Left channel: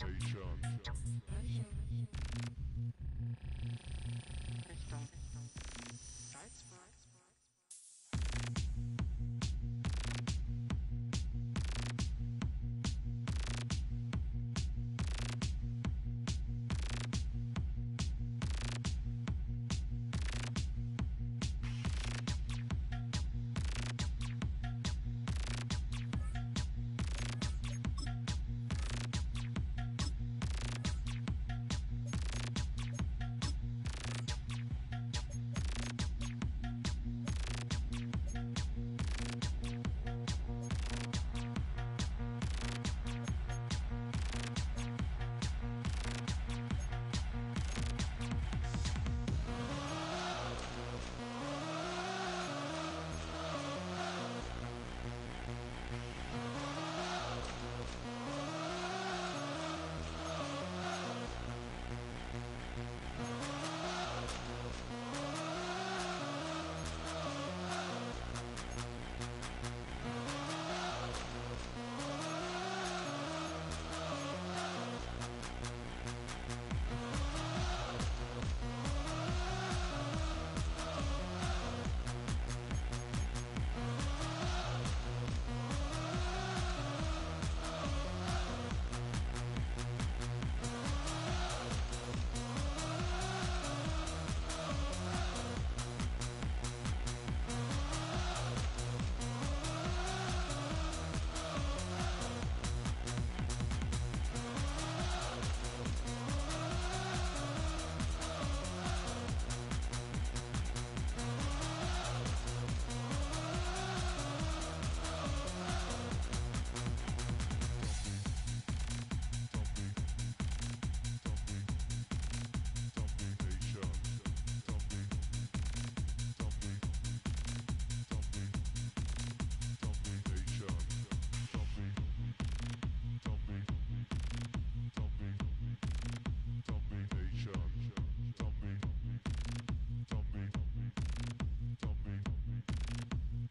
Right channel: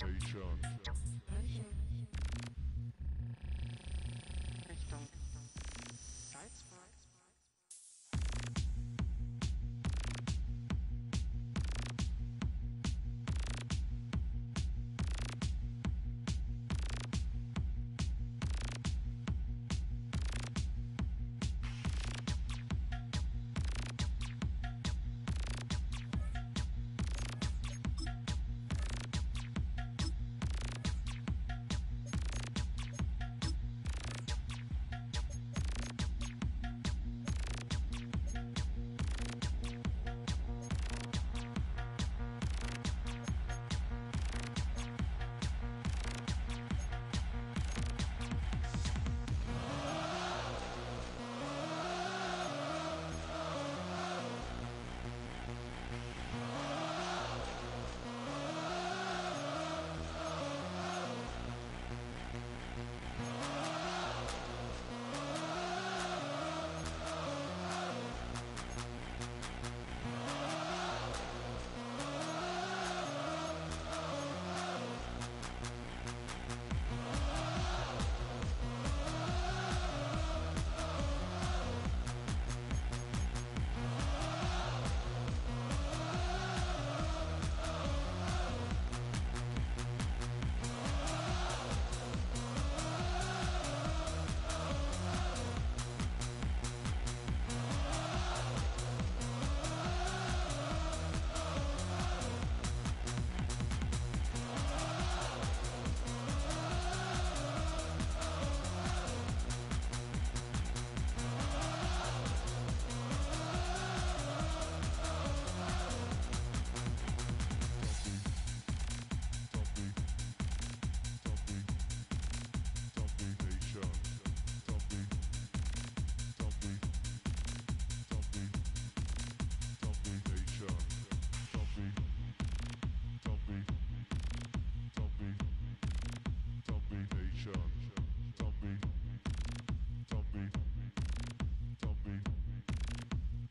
Richtung Salzburg.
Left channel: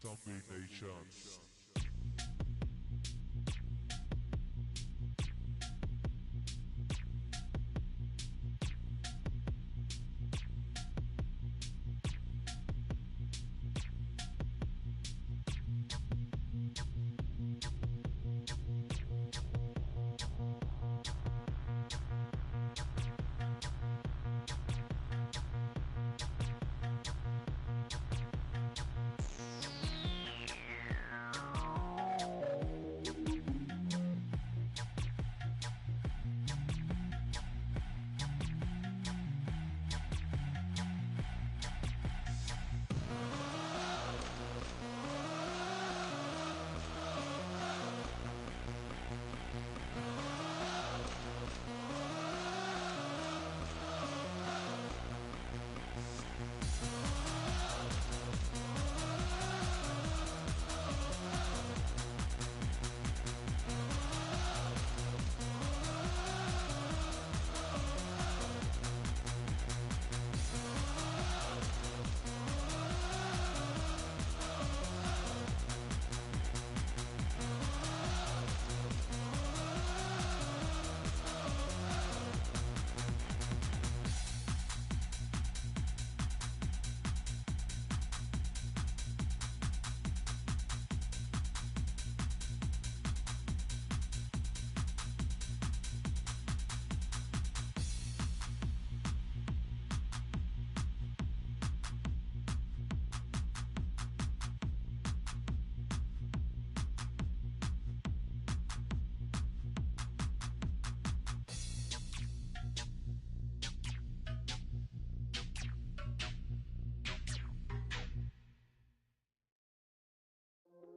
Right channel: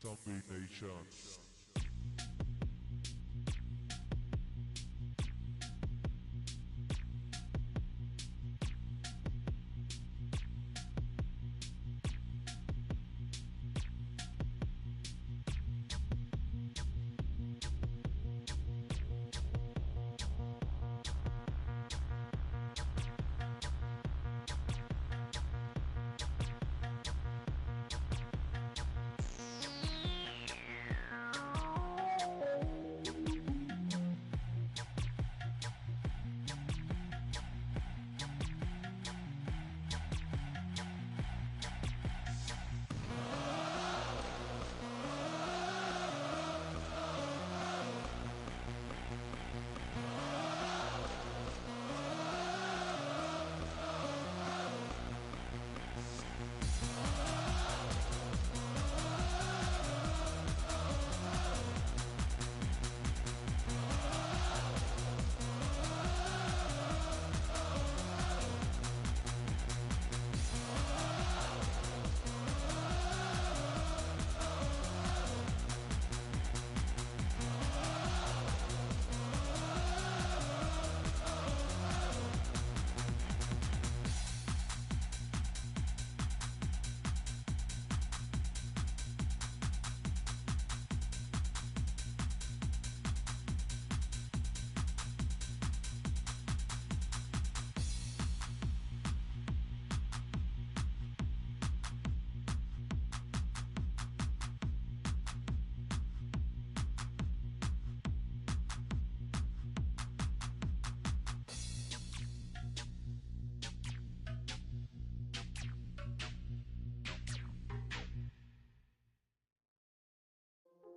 Dominations.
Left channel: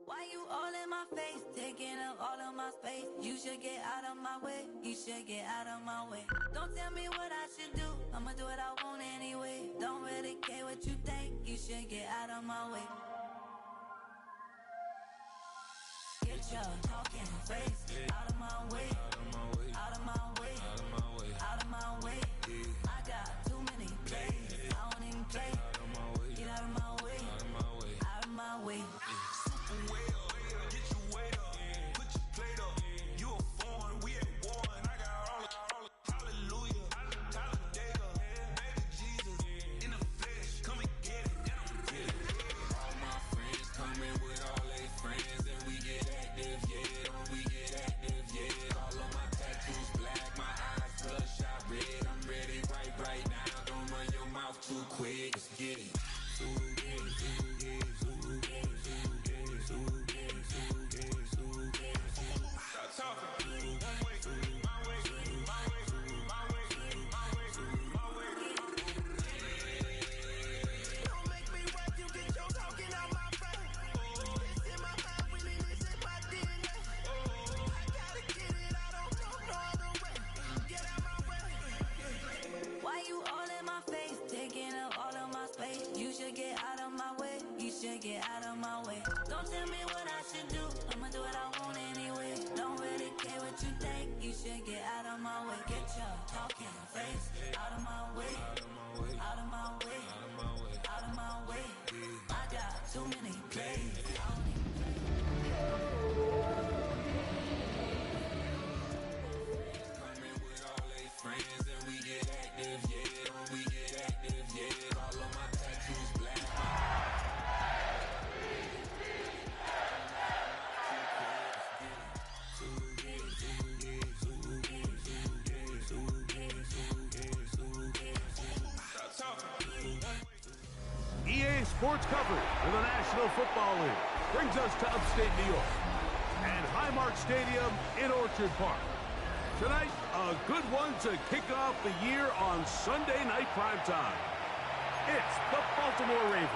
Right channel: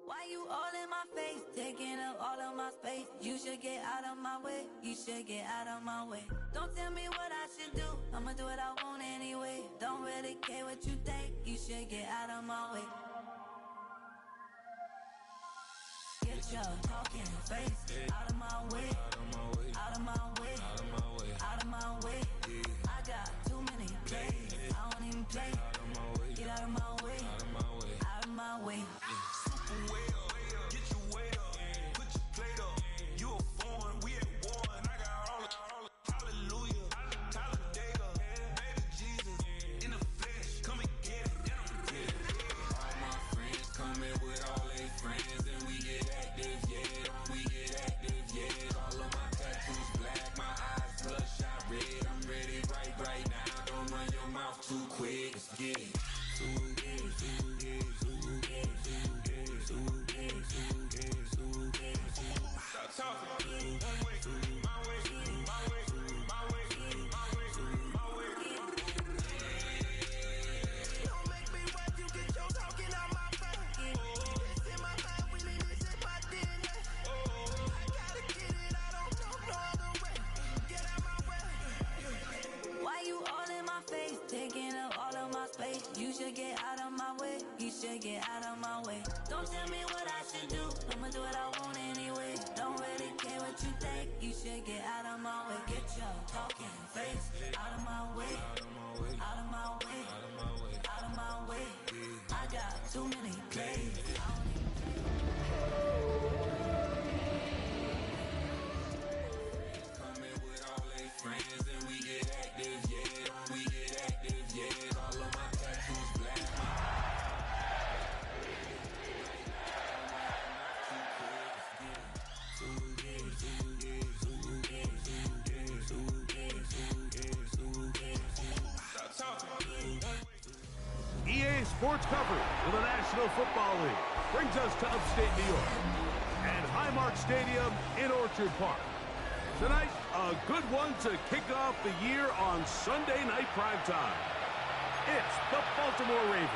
Why you all in my face, taking up all of my space? You should get out of my way, you should get out of my way. Don't tell me what I should do, I'ma do what I want anyway. Don't really care what you think, you should get out of my way. Get your talking face out of my way, out of my way, out of my way, out of my way, out of my way. I got too many plays, I don't even play. Out of my way, get out of my way, out of my way, out of my way. Super way up, get your weight up, put your plate up. You a foreign, we at war, and I got all the Don't tell me what I should do, I'ma do what I want anyway. Don't really care what you think, you should get out of my way. Get your talking face out of my way. Out of my way, out of my way, out of my way. I got too many plays. I don't even Coming with all they friends and we get active, yeah. We get active, yeah. All of my tattoos black. EA Sports coverage of the National Football League brings us to upstate New York and Highmark Stadium in Orchard Park. Tonight, a good one to kick off the year on Sunday night primetime. It's the Baltimore Ravens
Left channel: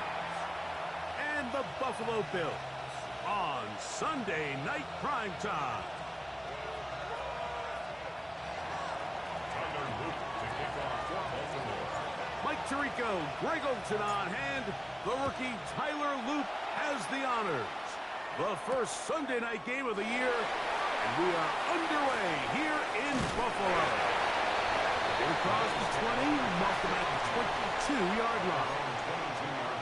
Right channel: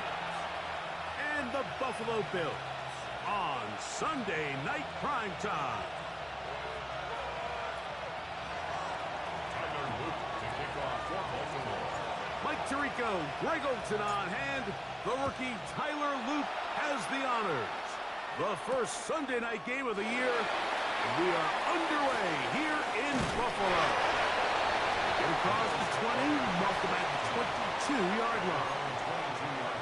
and the Buffalo Bills on Sunday night primetime. Tyler Luke to kick off for Baltimore. Mike Tirico, Greg Olson on hand. The rookie Tyler Luke has the honors. The first Sunday night game of the year, and we are underway here in Buffalo. Get across the 20, mark them at the 22-yard line. 22-yard line.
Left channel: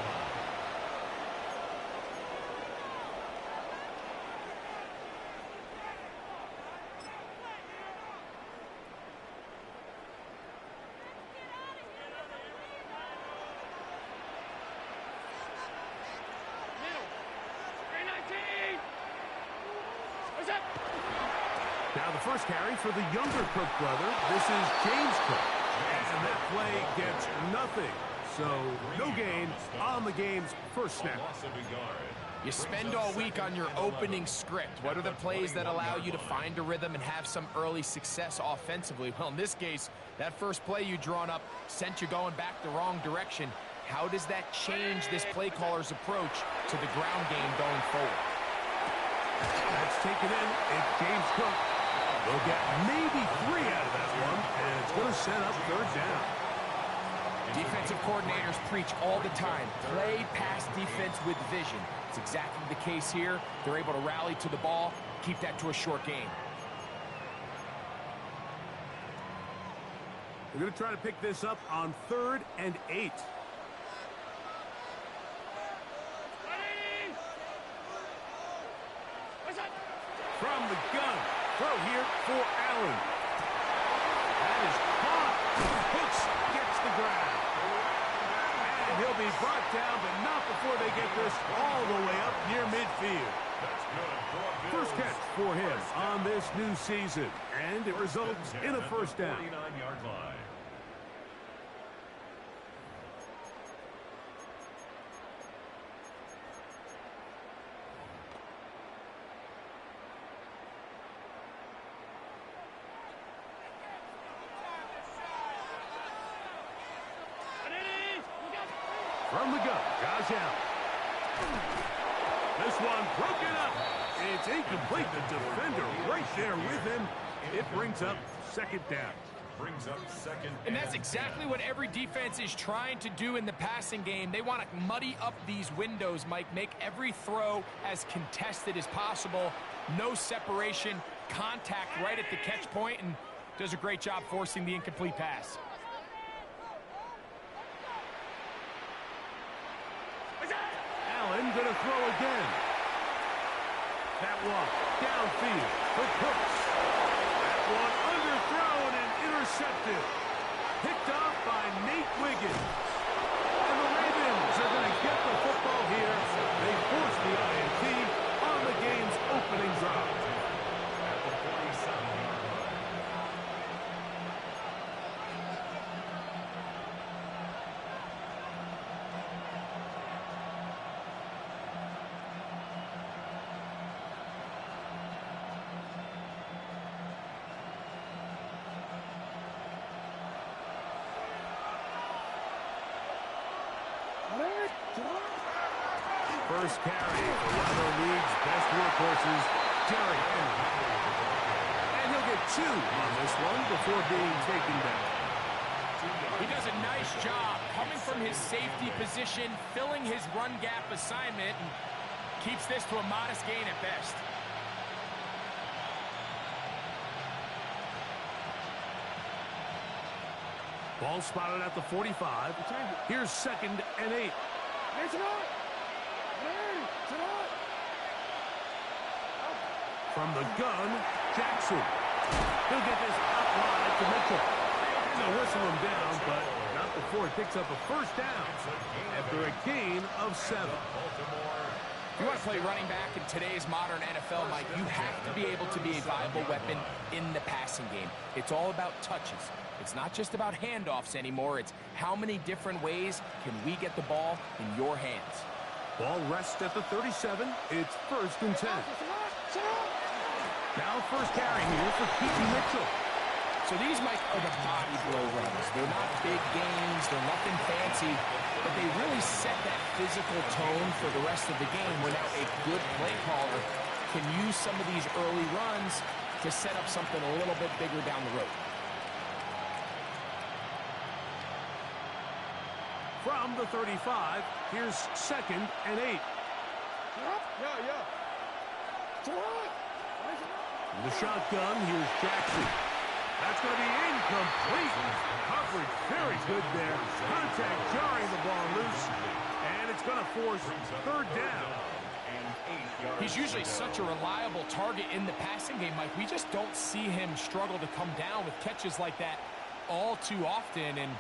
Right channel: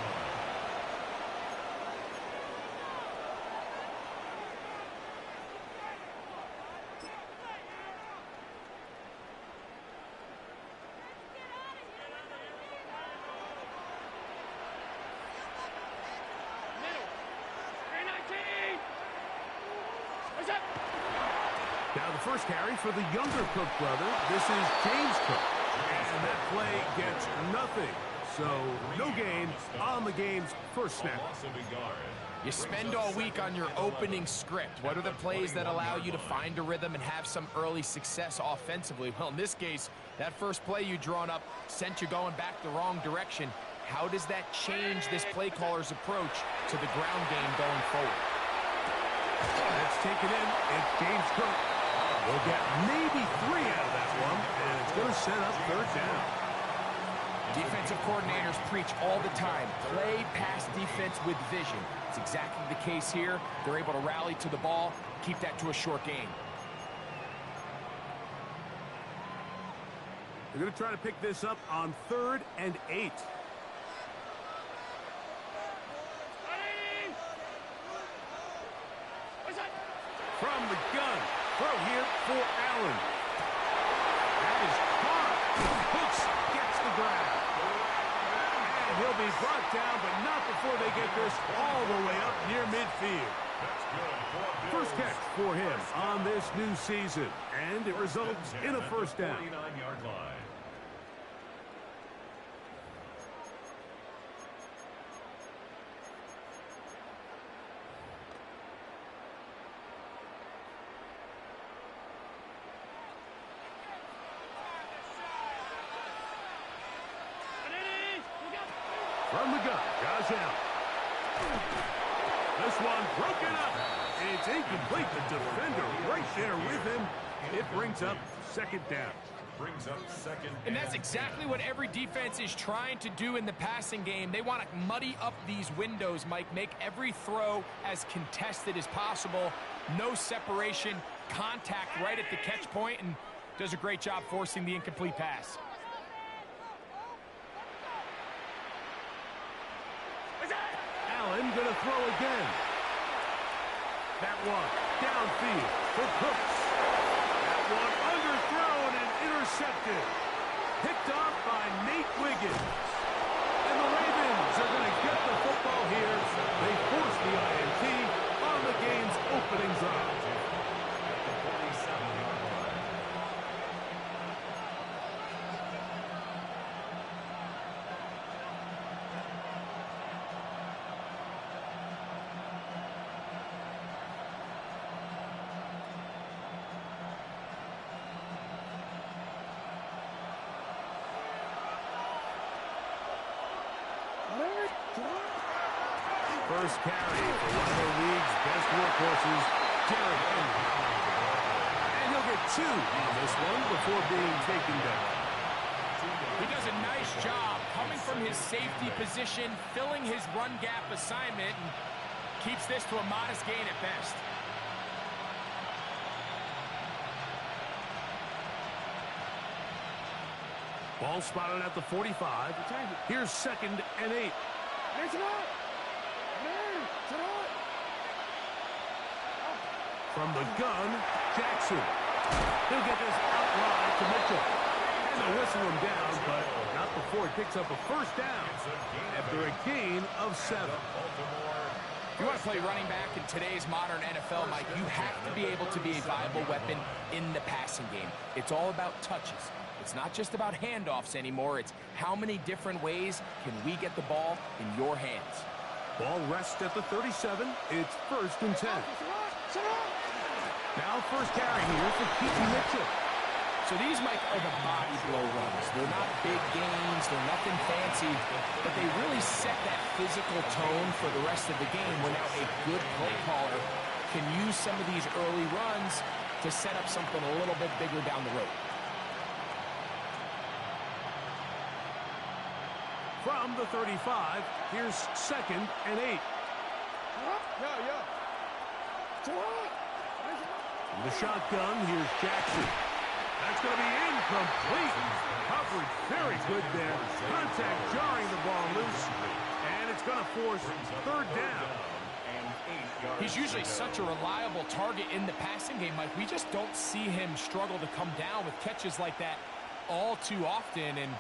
Now the first carry for the younger Cook brother. This is James Cook. And that play gets nothing. So no gain on the game's first snap. You spend all week on your opening script. What are the plays that allow you to find a rhythm and have some early success offensively? Well, in this case, that first play you drawn up sent you going back the wrong direction. How does that change this play caller's approach to the ground game going forward? That's taken in. It's James Cook. They'll get maybe 3 out of that one, and it's going to set up third down. Defensive coordinators preach all the time, play pass defense with vision. It's exactly the case here. They're able to rally to the ball, keep that to a short game. They're going to try to pick this up on 3rd and 8. From the gun, throw here for Allen. That is caught. Hooks gets the grab. And he'll be brought down, but not before they get this all the way up near midfield. That's good for First catch for him on this new season, and it results in a first down. 49-yard line. From the gun, Josh Allen. This one broken up. It's incomplete. The defender right there with him. It brings up second down. Brings up second. And that's exactly what every defense is trying to do in the passing game. They want to muddy up these windows, Mike, make every throw as contested as possible. No separation, contact right at the catch point, and does a great job forcing the incomplete pass. Allen going to throw again. That one downfield for Cooks. That one underthrown and intercepted. Picked off by Nate Wiggins. And the Ravens are going to get the football here. They force the INT on the game's opening drive. At the 47-yard line. First carry for one of the league's best workhorses, Derrick Henry. And he'll get 2 on this one before being taken down. He does a nice job coming from his safety position, filling his run gap assignment, and Keeps this to a modest gain at best. Ball spotted at the 45. Here's 2nd and 8. From the gun, Jackson. He'll get this out wide to Mitchell. And they'll whistle him down, but not before he picks up a first down after a gain of 7. If you want to play running back in today's modern NFL, Mike, you have to be able to be a viable weapon in the passing game. It's all about touches. It's not just about handoffs anymore. It's how many different ways can we get the ball in your hands. Ball rests at the 37. It's 1st and 10. Now first carry here for Keaton Mitchell. So these, Mike, are the body blow runs. They're not big gains. They're nothing fancy. But they really set that physical tone for the rest of the game where now a good play caller can use some of these early runs to set up something a little bit bigger down the road. From the 35, here's 2nd and 8. The shotgun, here's Jackson. That's going to be incomplete. Coverage very good there. Contact jarring the ball loose. And it's going to force 3rd down. He's usually such a reliable target in the passing game, Mike. We just don't see him struggle to come down with catches like that all too often. And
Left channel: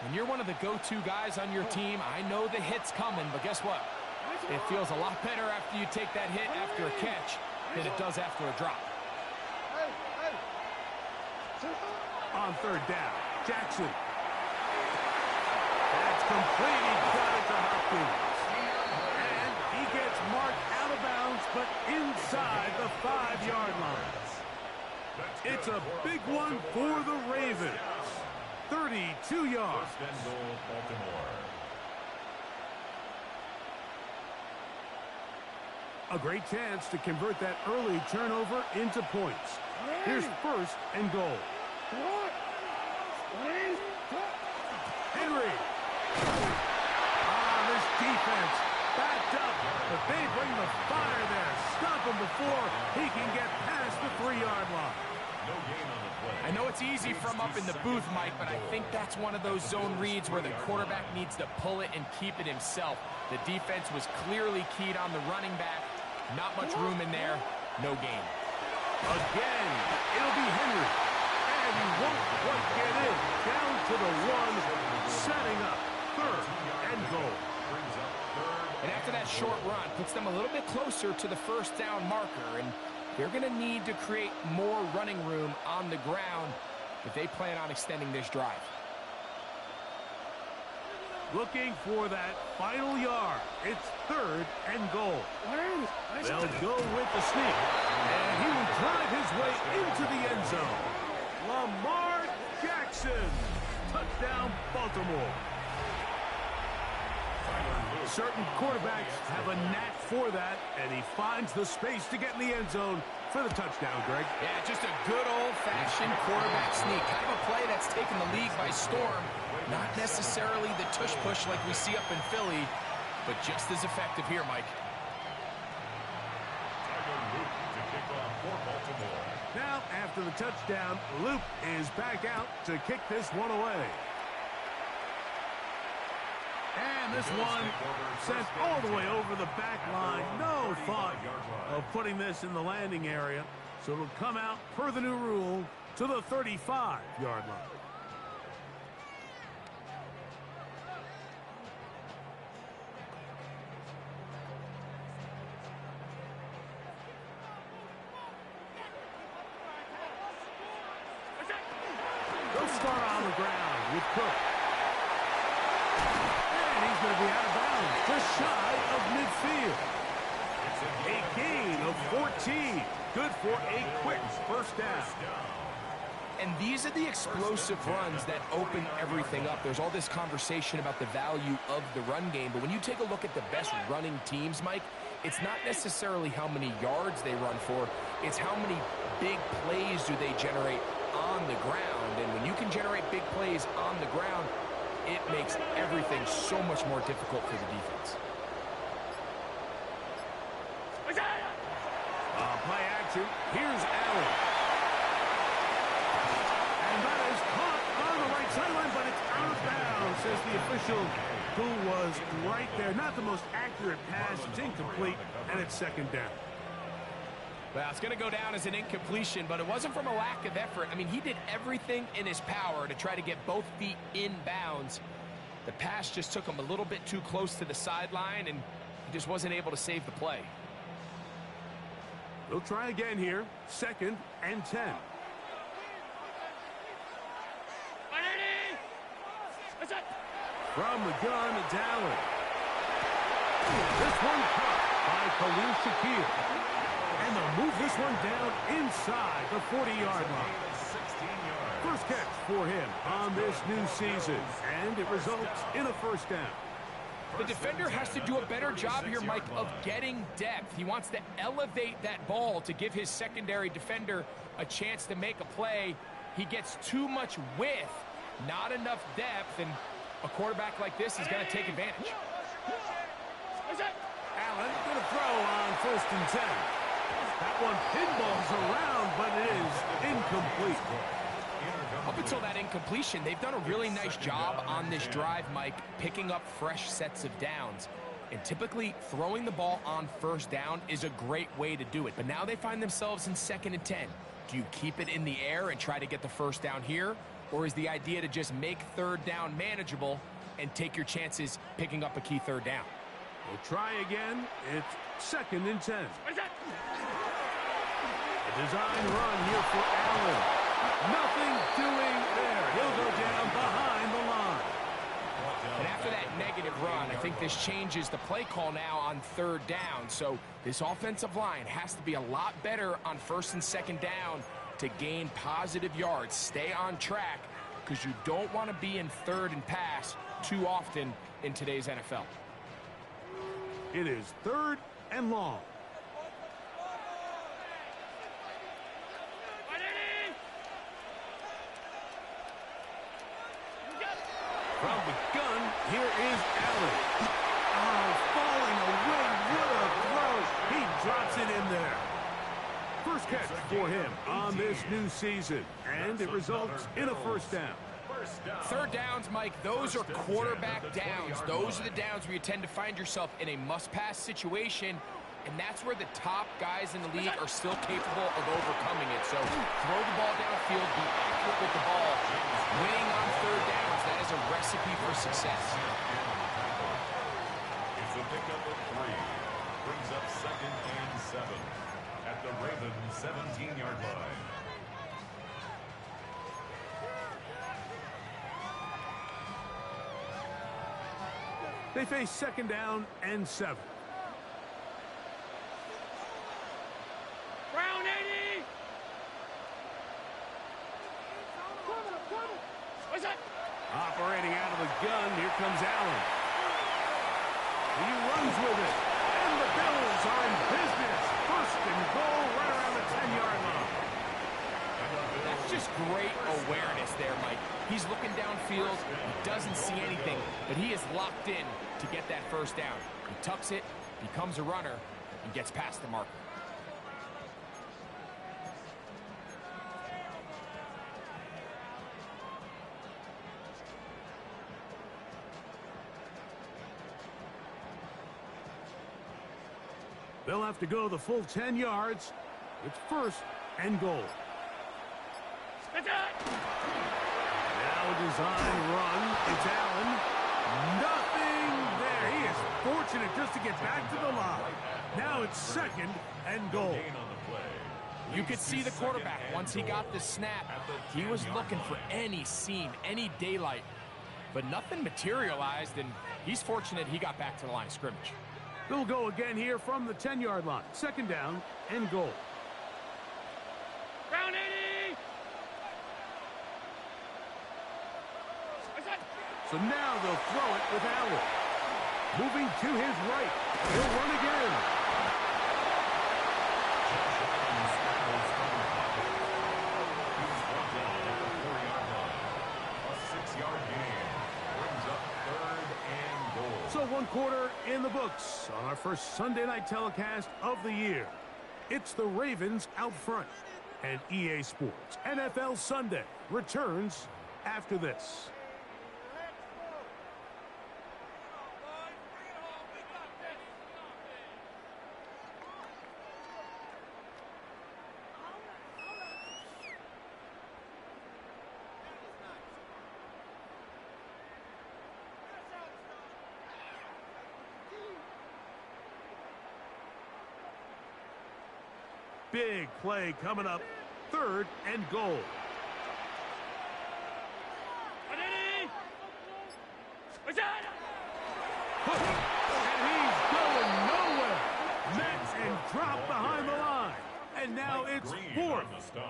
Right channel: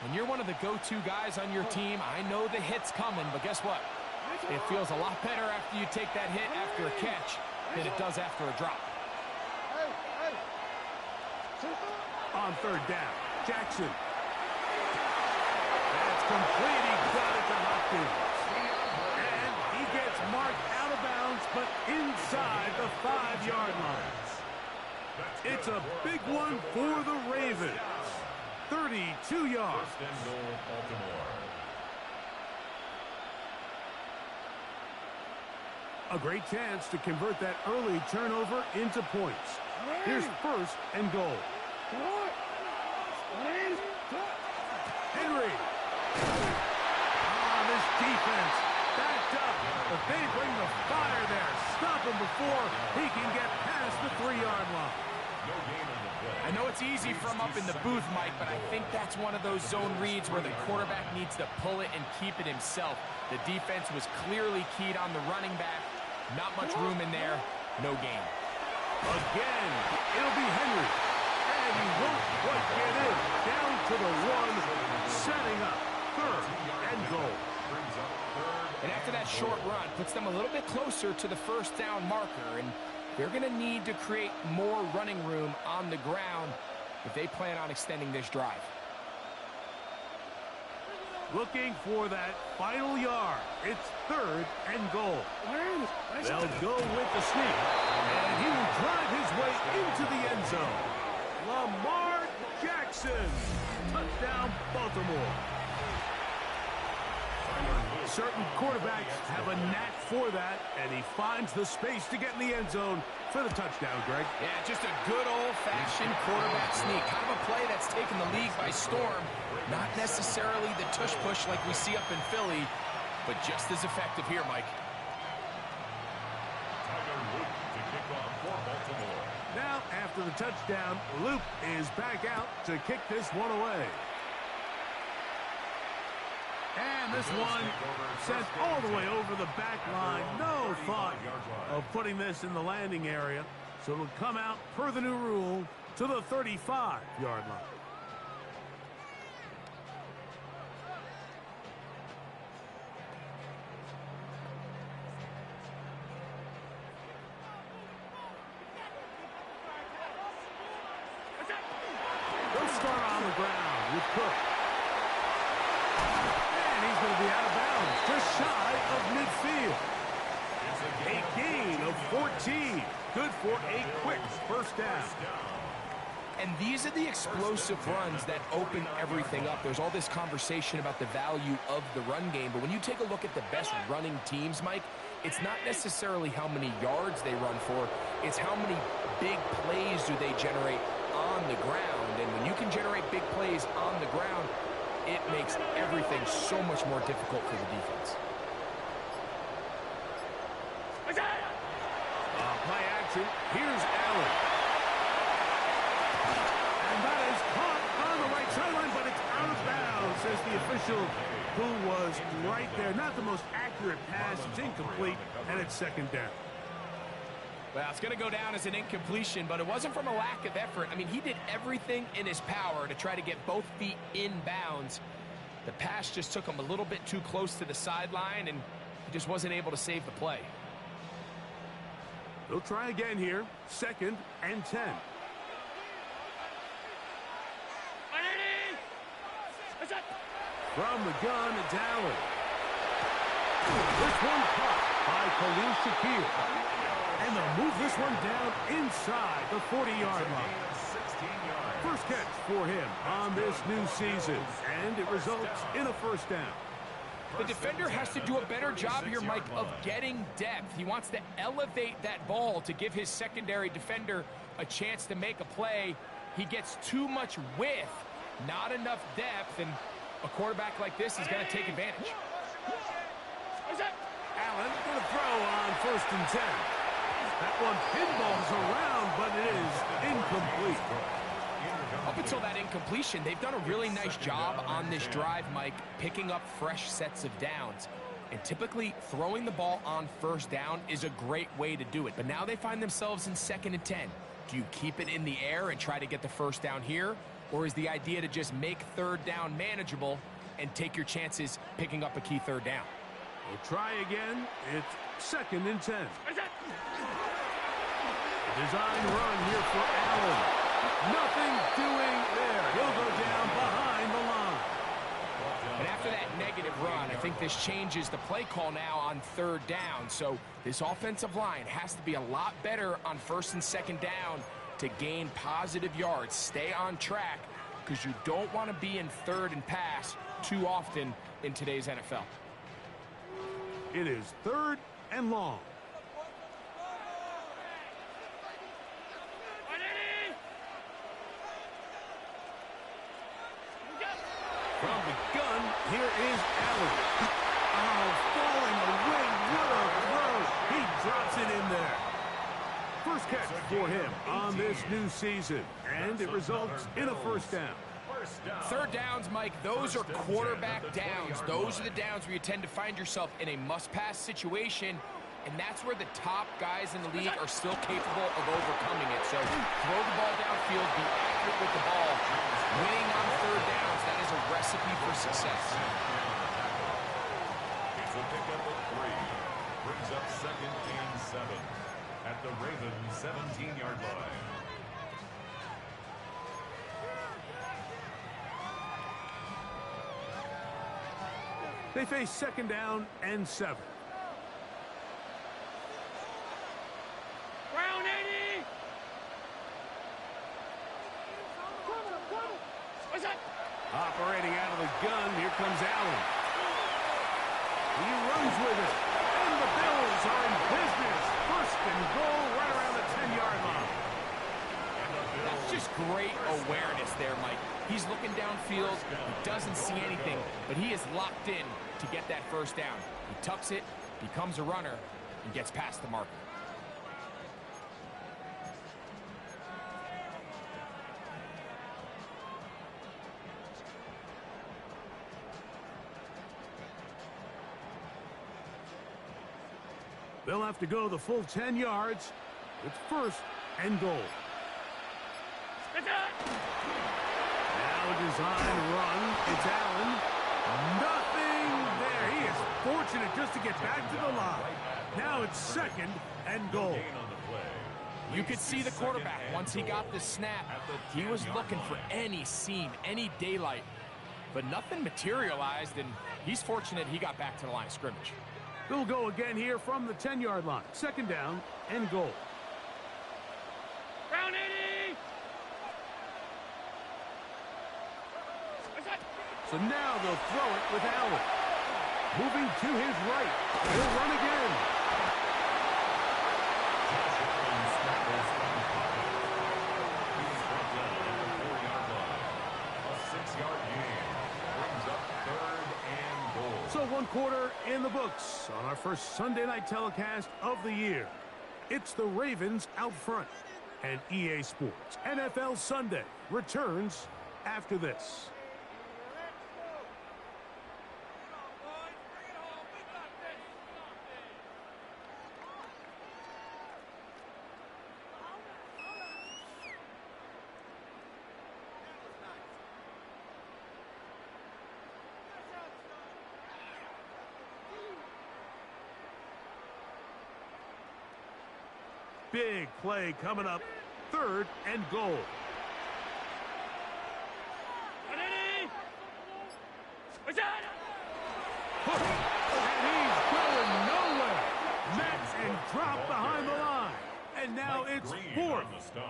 when you're one of the go-to guys on your team, I know the hit's coming, but guess what? It feels a lot better after you take that hit after a catch than it does after a drop. On 3rd down, Jackson. That's complete. He got it to Hopkins. And he gets marked out of bounds, but inside the 5-yard line. It's a big one for the Ravens. 32 yards. 1st and goal, Baltimore. A great chance to convert that early turnover into points. Here's 1st and goal. Henry. This defense backed up, but they bring the fire there. Stop him before he can get past the 3-yard line. No gain on the play. I know it's easy from up in the booth, Mike, but I think that's one of those zone reads where the quarterback needs to pull it and keep it himself. The defense was clearly keyed on the running back. Not much room in there. No gain. Again, it'll be Henry. And he won't quite get in. Down to the 1, setting up 3rd and goal. Brings up 3rd. And after that short run, puts them a little bit closer to the 1st down marker. And they're going to need to create more running room on the ground if they plan on extending this drive. Looking for that final yard. It's 3rd and goal. They'll go with the sneak. And he will drive his way into the end zone. Lamar Jackson. Touchdown, Baltimore. Certain quarterbacks have a knack for that, and he finds the space to get in the end zone for the touchdown, Greg. Yeah, just a good old-fashioned quarterback sneak. Kind of a play that's taken the league by storm. Not necessarily the tush-push like we see up in Philly, but just as effective here, Mike. Tyler Luke to kick off for Baltimore. Now, after the touchdown, Luke is back out to kick this one away. And this one sent all the way over the back line. No thought of putting this in the landing area. So it'll come out, per the new rule, to the 35-yard line. They'll start on the ground with Cook. And he's going to be out of bounds, just shy of midfield. A gain of 14. Good for a quick 1st down. And these are the explosive runs that open everything up. There's all this conversation about the value of the run game, but when you take a look at the best running teams, Mike, it's not necessarily how many yards they run for, it's how many big plays do they generate on the ground. And when you can generate big plays on the ground, it makes everything so much more difficult for the defense. action. Here's Allen. And that is caught on the right sideline, but it's out of bounds, says the official who was right there. Not the most accurate pass. It's incomplete, and it's second down. Well, it's going to go down as an incompletion, but it wasn't from a lack of effort. I mean, he did everything in his power to try to get both feet in bounds. The pass just took him a little bit too close to the sideline, and he just wasn't able to save the play. They'll try again here. 2nd and 10. From the gun, it's Allen. This one caught by Khalil Shakir. And they'll move this one down inside the 40-yard line. First catch for him on this new season, and it results in a first down. The defender has to do a better job here, Mike, of getting depth. He wants to elevate that ball to give his secondary defender a chance to make a play. He gets too much width, not enough depth, and a quarterback like this is going to take advantage. Allen going to throw on 1st and 10. That one pinballs around, but it is incomplete. Up until that incompletion, they've done a really nice job on this drive, Mike, picking up fresh sets of downs. And typically, throwing the ball on 1st down is a great way to do it. But now they find themselves in 2nd and 10. Do you keep it in the air and try to get the 1st down here? Or is the idea to just make 3rd down manageable and take your chances picking up a key 3rd down? We'll try again. It's 2nd and 10. A design run here for Allen. Nothing doing there. He'll go down behind the line. And after that negative run, I think this changes the play call now on 3rd down. So this offensive line has to be a lot better on 1st and 2nd down to gain positive yards. Stay on track because you don't want to be in 3rd and pass too often in today's NFL. It is 3rd and long. From the gun, here is Allen. Oh, falling away. What a throw. He drops it in there. First catch for him on this new season, and it results in a 1st down. 3rd downs, Mike, those are quarterback downs. Those are the downs where you tend to find yourself in a must-pass situation, and that's where the top guys in the league are still capable of overcoming it. So throw the ball downfield, be accurate with the ball. Winning on 3rd downs, that is a recipe for success. It's a pickup of 3. Brings up 2nd and 7 at the Ravens 17-yard line. They face 2nd down and 7. Brown 80! What's that? Operating out of the gun, here comes Allen. He runs with it, and the Bills are in business. 1st and goal right around the 10-yard line. That's just great awareness there, Mike. He's looking downfield. He doesn't see anything, but he is locked in to get that 1st down. He tucks it, becomes a runner, and gets past the marker. They'll have to go the full 10 yards. It's 1st and goal. Now a design run. It's Allen. Nothing there. He is fortunate just to get back to the line. Now it's 2nd and goal. You could see the quarterback, once he got the snap, he was looking for any seam, any daylight, but nothing materialized, and he's fortunate he got back to the line of scrimmage. They'll go again here from the 10-yard line. 2nd down and goal. Brown 80! So now they'll throw it with Allen. Moving to his right. He'll run again. Josh Allen scrambles from the pocket. He's brought down at the 4-yard line. A 6-yard gain. Brings up 3rd and goal. So 1 quarter in the books on our first Sunday night telecast of the year. It's the Ravens out front. And EA Sports NFL Sunday returns after this. Big play coming up. 3rd and goal. And he's going nowhere. Met and dropped behind the line. And now it's 4th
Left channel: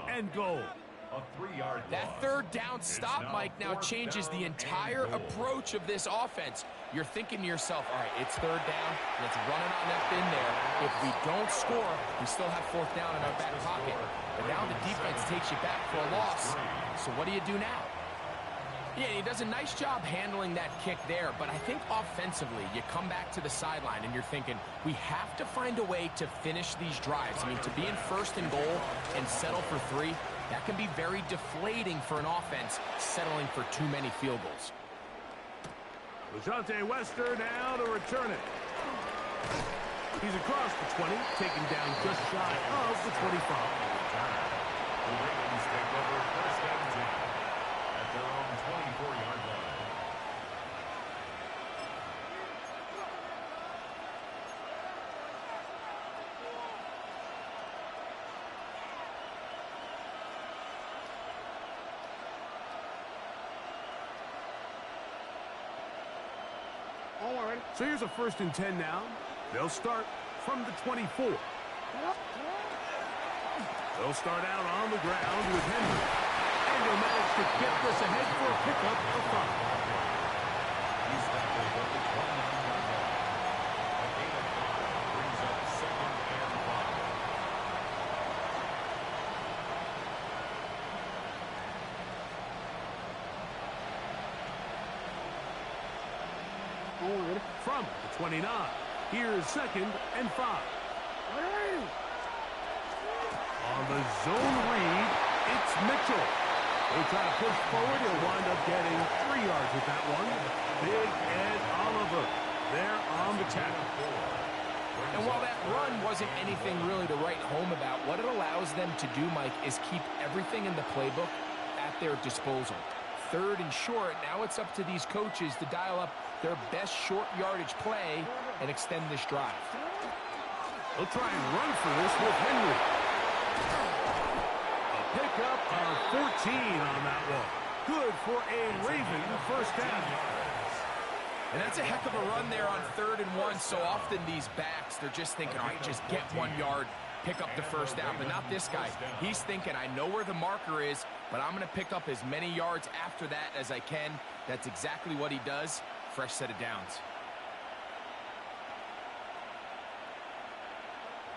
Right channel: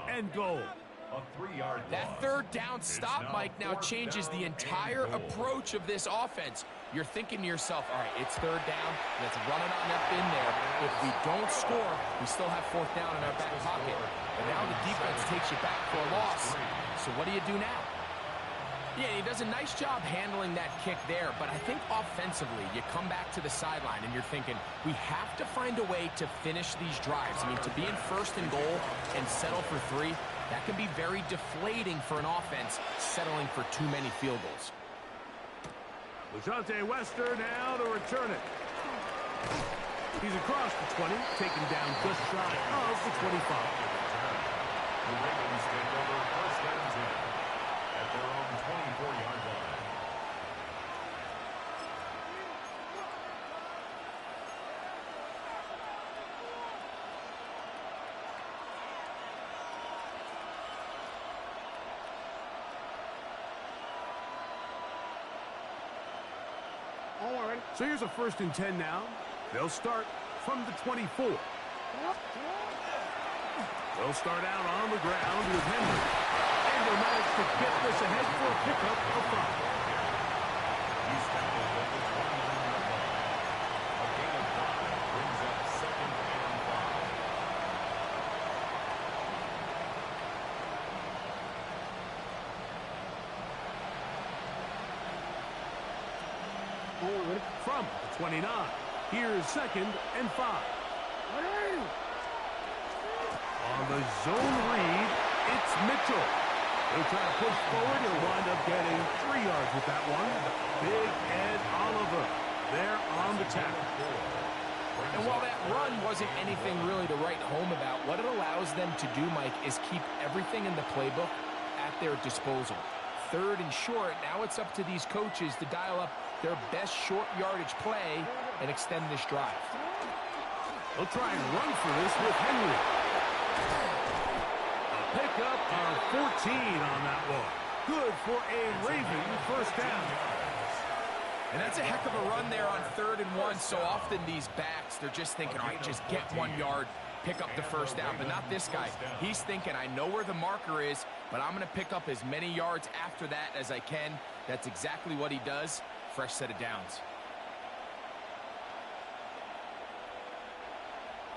and goal. A 3-yard That loss. 3rd down stop, Mike, now changes the entire approach of this offense. You're thinking to yourself, all right, it's 3rd down. Let's run it on up in there. If we don't score, we still have 4th down in our back pocket. But now the defense takes you back for a loss. So what do you do now? Yeah, he does a nice job handling that kick there, but I think offensively, you come back to the sideline and you're thinking, we have to find a way to finish these drives. I mean, to be in 1st and goal and settle for 3, that can be very deflating for an offense settling for too many field goals. LaJohntay Wester now to return it. He's across the 20, taken down just shy of the 25. The Ravens take over 1st and 10 at their own 24-yard line. So here's a 1st and 10 now. They'll start from the 24. They'll start out on the ground with Henry. And he'll manage to get this ahead for a pickup of 5. He's tackled at the 29-yard line. A gain of 5 brings up 2nd and 5. From the 29, here's 2nd and 5. On the zone read, it's Mitchell. He'll try to push forward. He'll wind up getting 3 yards with that one. Big Ed Oliver there on the tackle. And while that run wasn't anything really to write home about, what it allows them to do, Mike, is keep everything in the playbook at their disposal. 3rd and short, now it's up to these coaches to dial up their best short yardage play and extend this drive. They'll try and run for this with Henry. A pickup of 14 on that one. Good for a Raven 1st down. And that's a heck of a run there on 3rd and 1. So often these backs, they're just thinking, all right, just get 1 yard, pick up the 1st down. But not this guy. He's thinking, I know where the marker is, but I'm going to pick up as many yards after that as I can. That's exactly what he does. Fresh set of downs.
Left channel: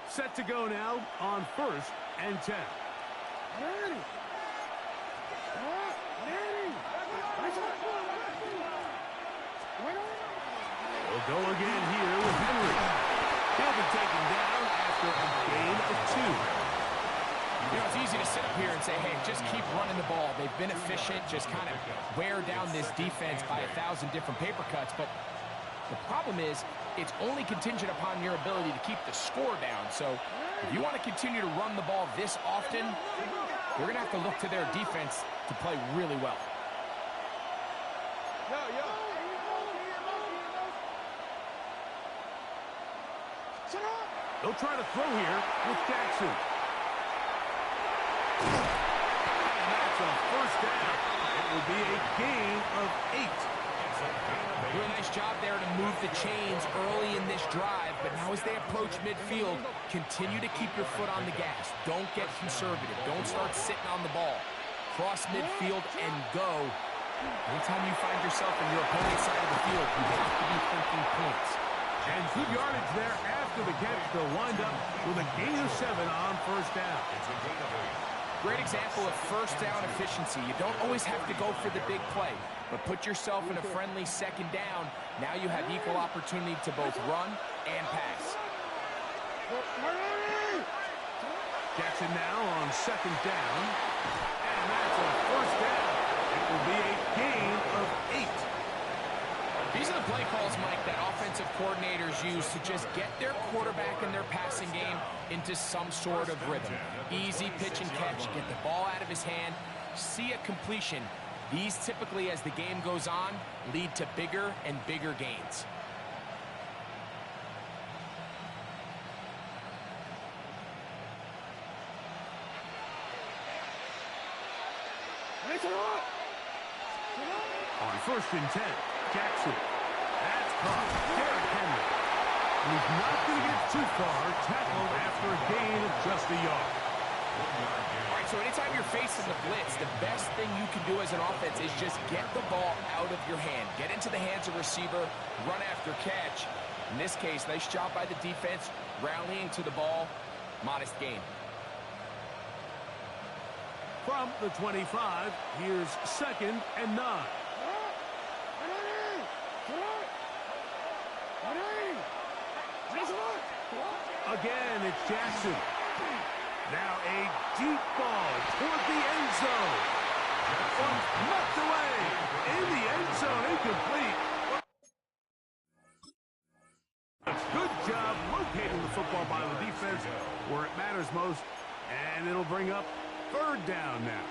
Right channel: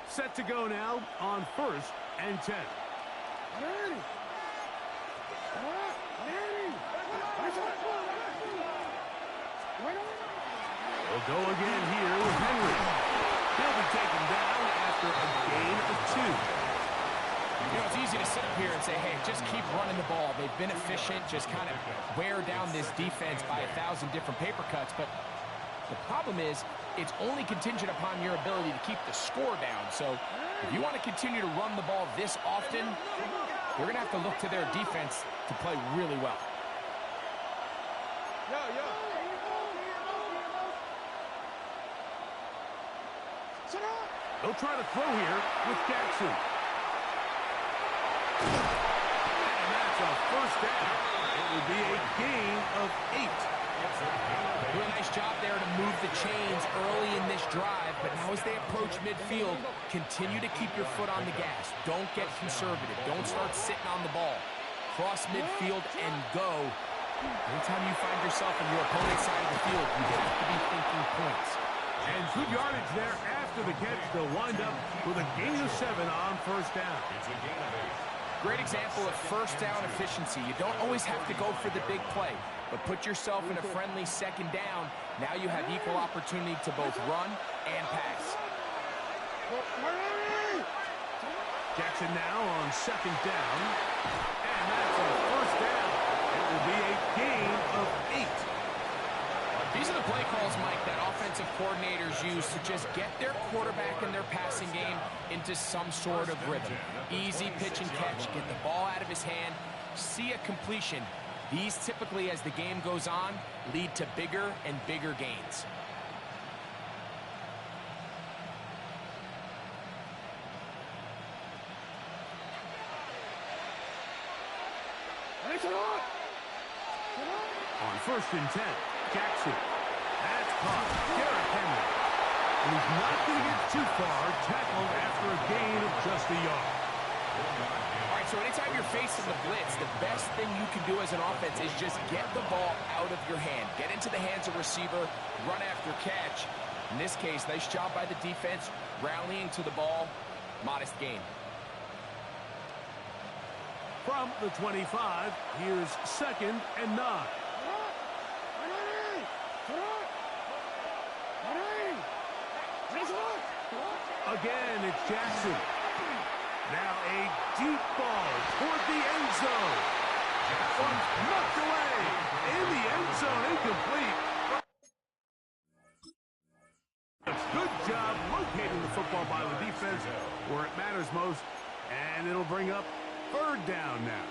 Set to go now on 1st and 10. We'll go again here with Henry. He'll be taken down after a gain of 2. You know, it's easy to sit up here and say, hey, just keep running the ball. They've been efficient, just kind of wear down this defense by 1,000 different paper cuts. But the problem is, it's only contingent upon your ability to keep the score down. So if you want to continue to run the ball this often, you're going to have to look to their defense to play really well. They'll try to throw here with Jackson. And that's a 1st down. It will be a gain of 8. Do a nice job there to move the chains early in this drive, but now as they approach midfield, continue to keep your foot on the gas. Don't get conservative. Don't start sitting on the ball. Cross midfield and go. Anytime you find yourself on your opponent's side of the field, you have to be thinking points. And good yardage there after the catch. They'll wind up with a gain of 7 on 1st down. It's a gain of 8. Great example of 1st down efficiency. You don't always have to go for the big play, but put yourself in a friendly 2nd down. Now you have equal opportunity to both run and pass. Jackson now on second down. And that's a first down. It will be a gain of 8. These are the play calls, Mike, that offensive coordinators use to just get their quarterback and their passing game into some sort of rhythm. Easy pitch and catch, get the ball out of his hand, see a completion. These typically, as the game goes on, lead to bigger and bigger gains. On 1st and 10, Jackson. That's caught. Derrick Henry. And he's not going to get too far. Tackled after a gain of just a yard. All right, so anytime you're facing the blitz, the best thing you can do as an offense is just get the ball out of your hand. Get into the hands of receiver, run after catch. In this case, nice job by the defense, rallying to the ball. Modest gain. From the 25, here's 2nd and 9. Again, it's Jackson. Now a deep ball toward the end zone. One knocked away. In the end zone, incomplete. Good job locating the football by the defense where it matters most. And it'll bring up 3rd down now.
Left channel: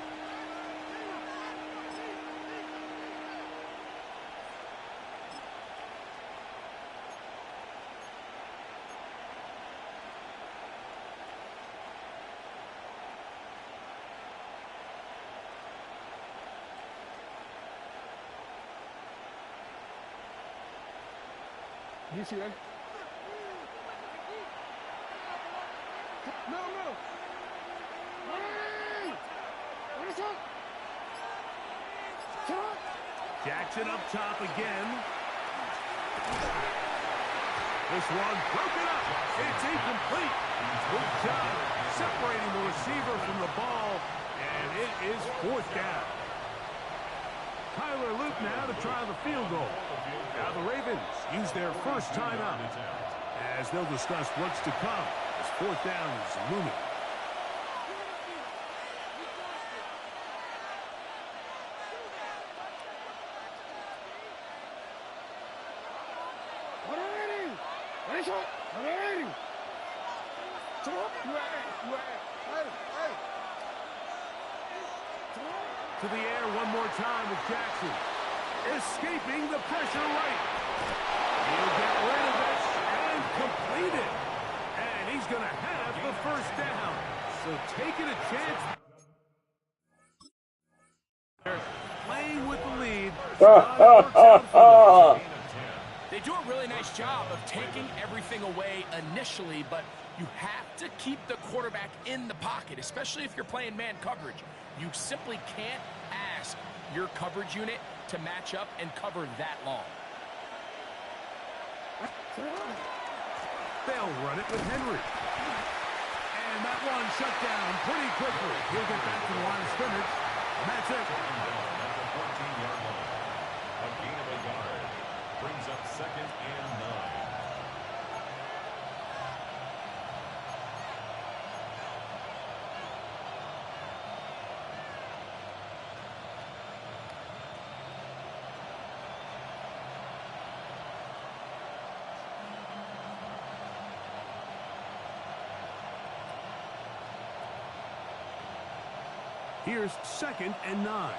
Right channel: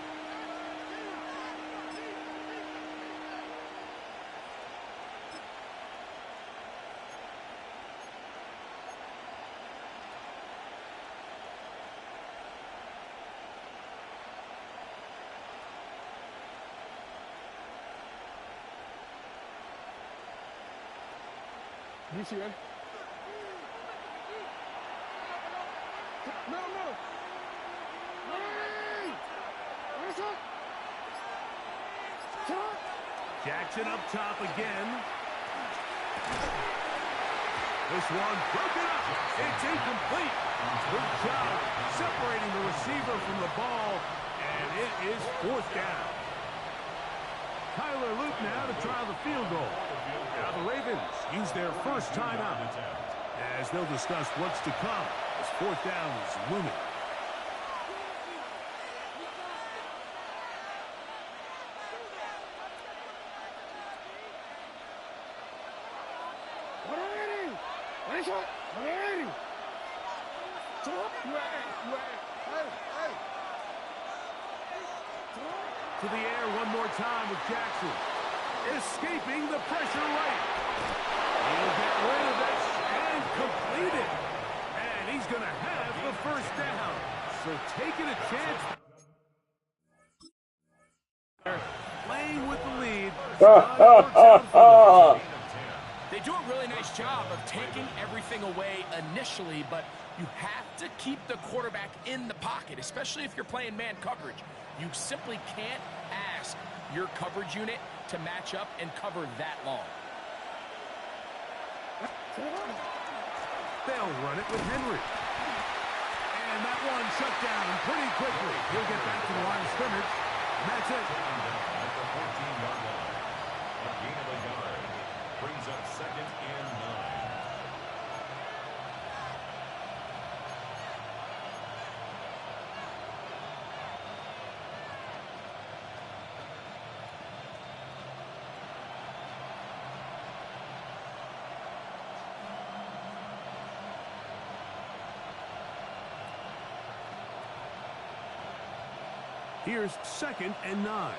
You see that? No. Jackson up top again. This one broken up. It's incomplete. Good job separating the receiver from the ball, and it is 4th down. Tyler Luke now to try the field goal. Now the Ravens use their first timeout as they'll discuss what's to come as 4th down is looming. To the air one more time with Jackson. Escaping the pressure right. He'll get rid of it and complete it. And he's going to have the first down. So taking a chance. Playing with the lead. They do a really nice job of taking everything away initially, but you have to keep the quarterback in the pocket, especially if you're playing man coverage. You simply can't ask your coverage unit to match up and cover that long. They'll run it with Henry. And that one shut down pretty quickly. He'll get back to the line of scrimmage. And that's it. Taken down at the 14-yard line. A gain of a yard. Brings up 2nd and 9. Here's 2nd and 9.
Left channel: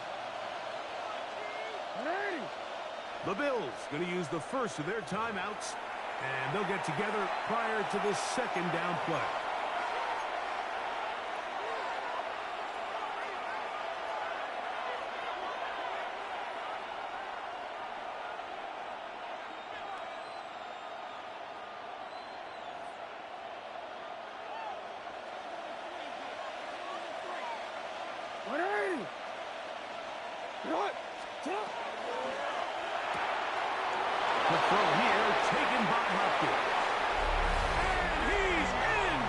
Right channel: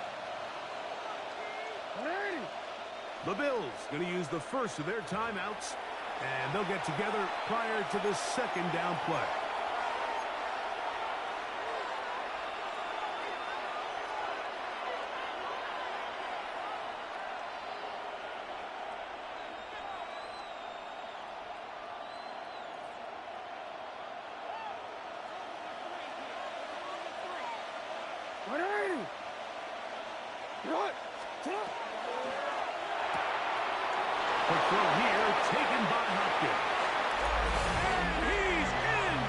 The Bills going to use the first of their timeouts, and they'll get together prior to this 2nd down play. Quick throw here, taken by Hopkins. And he's in!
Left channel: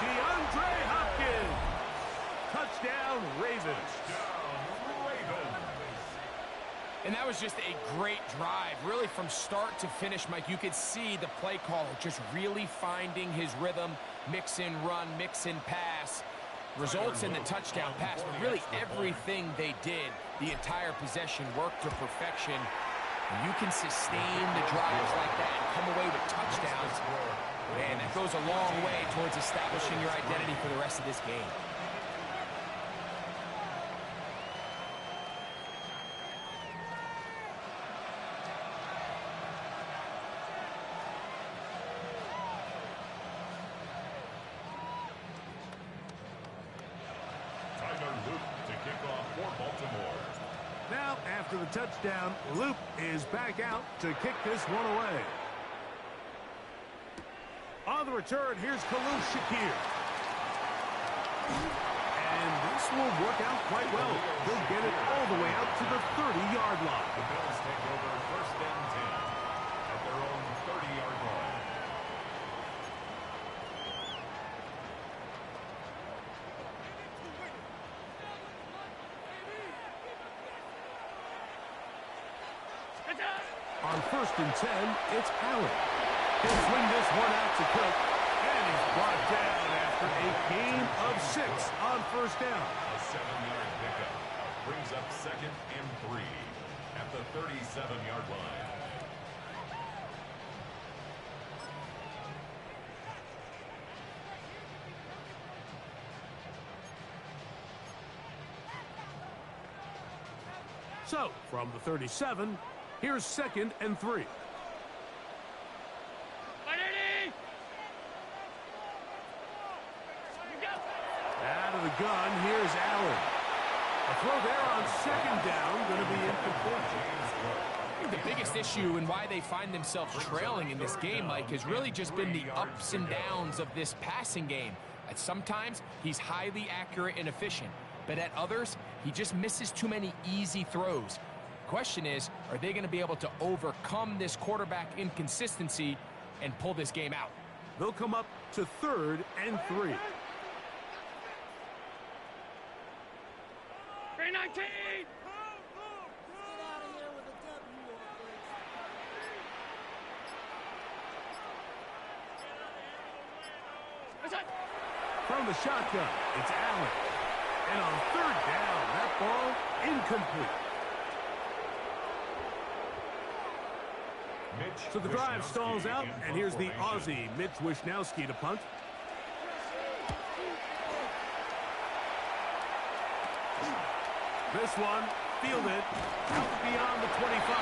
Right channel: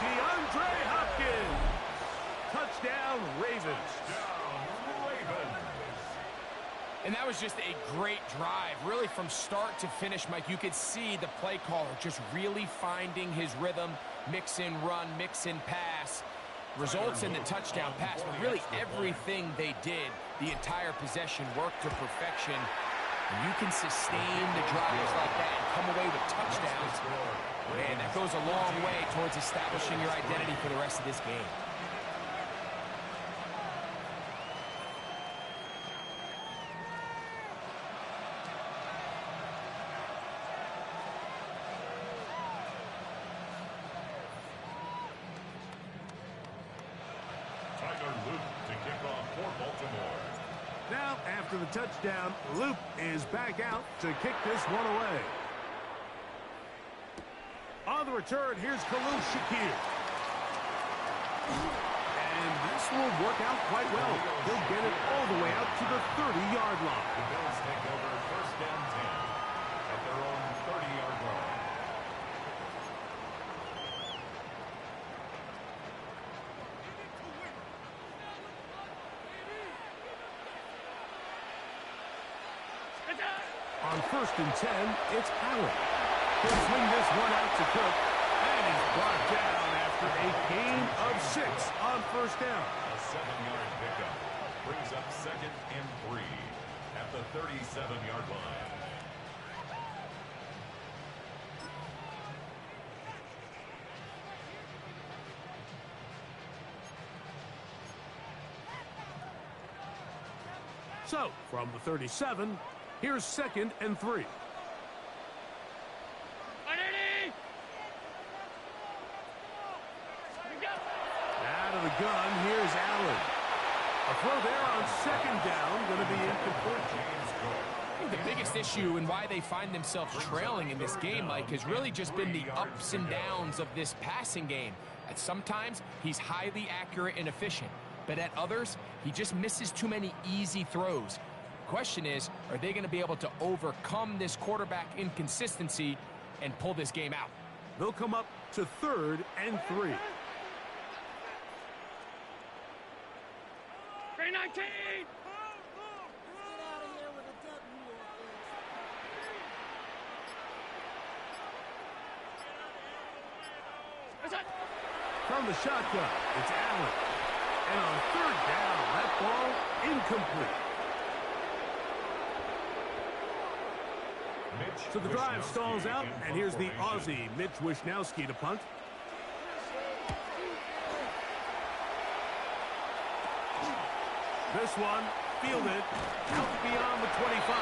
DeAndre Hopkins. Touchdown, Ravens. Touchdown, Ravens. And that was just a great drive, really from start to finish, Mike. You could see the play caller just really finding his rhythm, mix in run, mix in pass, results in the touchdown pass. But really everything they did, the entire possession, worked to perfection. And you can sustain the drives like that and come away with touchdowns. Man, that goes a long way towards establishing your identity for the rest of this game. To kick off for Baltimore. Now, after the touchdown, Loop is back out to kick this one away. On the return, here's Khalil Shakir. And this will work out quite well. He'll get it all the way out to the 30-yard line. The Bills take over first and 10 at their own 30-yard line. On first and 10, it's Allen. He'll swing this one out to Cook, and he's brought down after a gain of 6 on first down. A 7-yard pickup brings up second and 3 at the 37-yard line. So, from the 37, here's second and 3. Out of the gun, here's Allen. A throw there on second down, going to be incomplete. I think the biggest issue and why they find themselves trailing in this game, Mike, has really just been the ups and downs of this passing game. At sometimes, he's highly accurate and efficient, but at others, he just misses too many easy throws. Question is, are they going to be able to overcome this quarterback inconsistency and pull this game out? They'll come up to third and 3. 319! From the shotgun, it's Allen. And on third down, that ball incomplete. So the drive stalls out, and here's the Aussie, Mitch Wishnowsky, to punt. This one, fielded, out beyond the 25.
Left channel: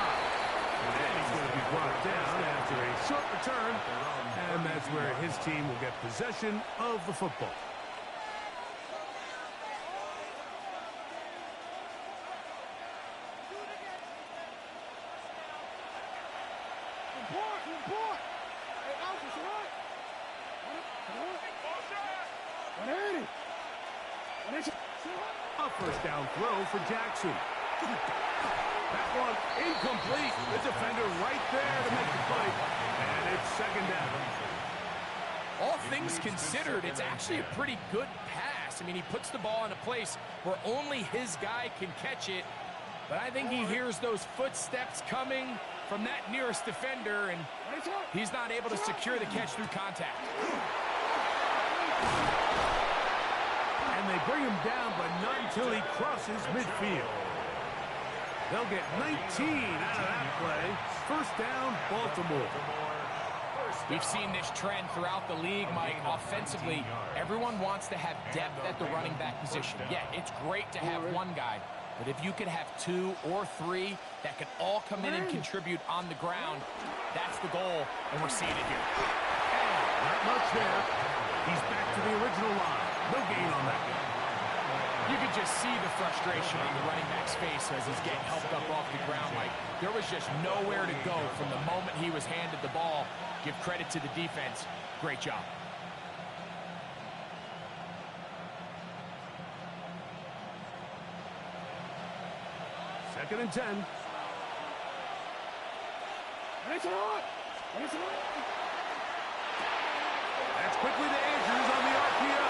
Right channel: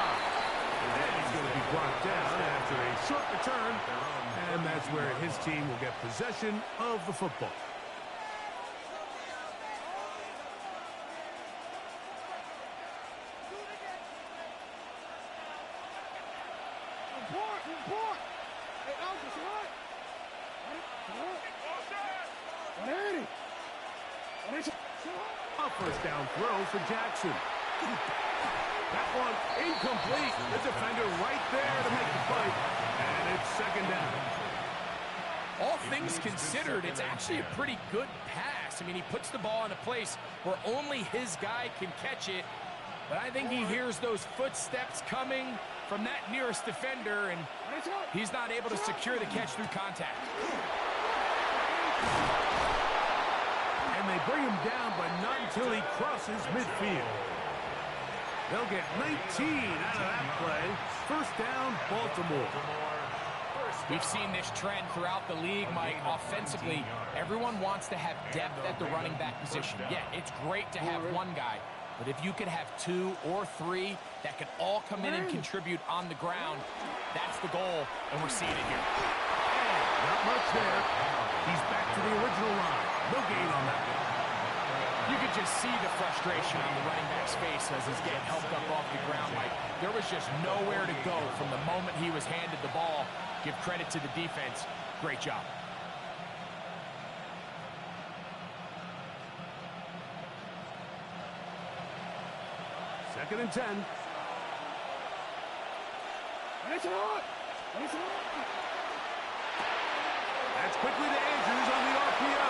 And he's going to be brought down after a short return, and that's where his team will get possession of the football. A first down throw for Jackson. That one incomplete. The defender right there to make the fight. And it's second down. All things considered, it's actually a pretty good pass. I mean, he puts the ball in a place where only his guy can catch it. But I think he hears those footsteps coming from that nearest defender, and he's not able to secure the catch through contact. And they bring him down, but not until he crosses midfield. They'll get 19 out of that play. First down, Baltimore. We've seen this trend throughout the league, Mike. Offensively, everyone wants to have depth at the running back position. Yeah, it's great to have one guy, but if you could have 2 or 3 that could all come in and contribute on the ground, that's the goal, and we're seeing it here. And not much there. He's back to the original line. No gain on that. You could just see the frustration on the running back's face as he's getting helped up off the ground. Like, there was just nowhere to go from the moment he was handed the ball. Give credit to the defense. Great job. Second and 10. That's quickly to Andrews on the RPO.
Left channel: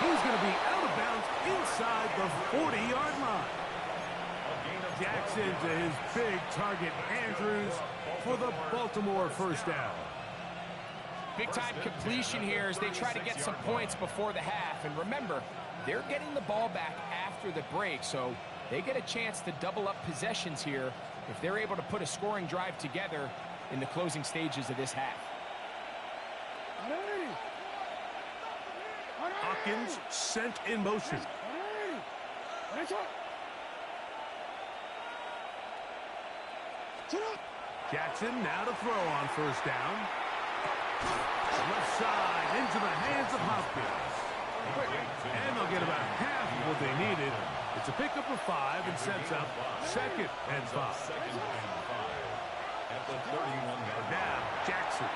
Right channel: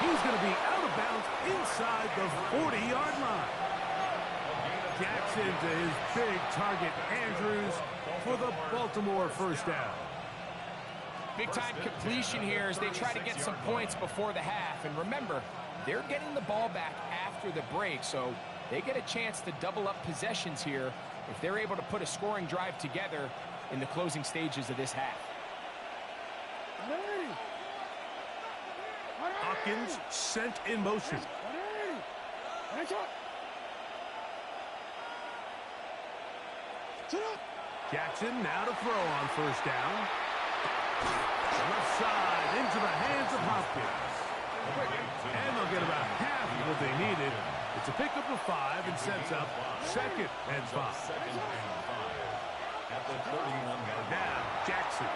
He's going to be out of bounds inside the 40-yard line. Jackson to his big target, Andrews, for the Baltimore first down. Big-time completion here as they try to get some points before the half. And remember, they're getting the ball back after the break, so they get a chance to double up possessions here if they're able to put a scoring drive together in the closing stages of this half. Hawkins sent in motion. Jackson now to throw on first down. Left side into the hands of Hopkins. And they'll get about half of what they needed. It's a pickup of 5 and sets up 2nd and 5. At the 31-yard Now, Jackson.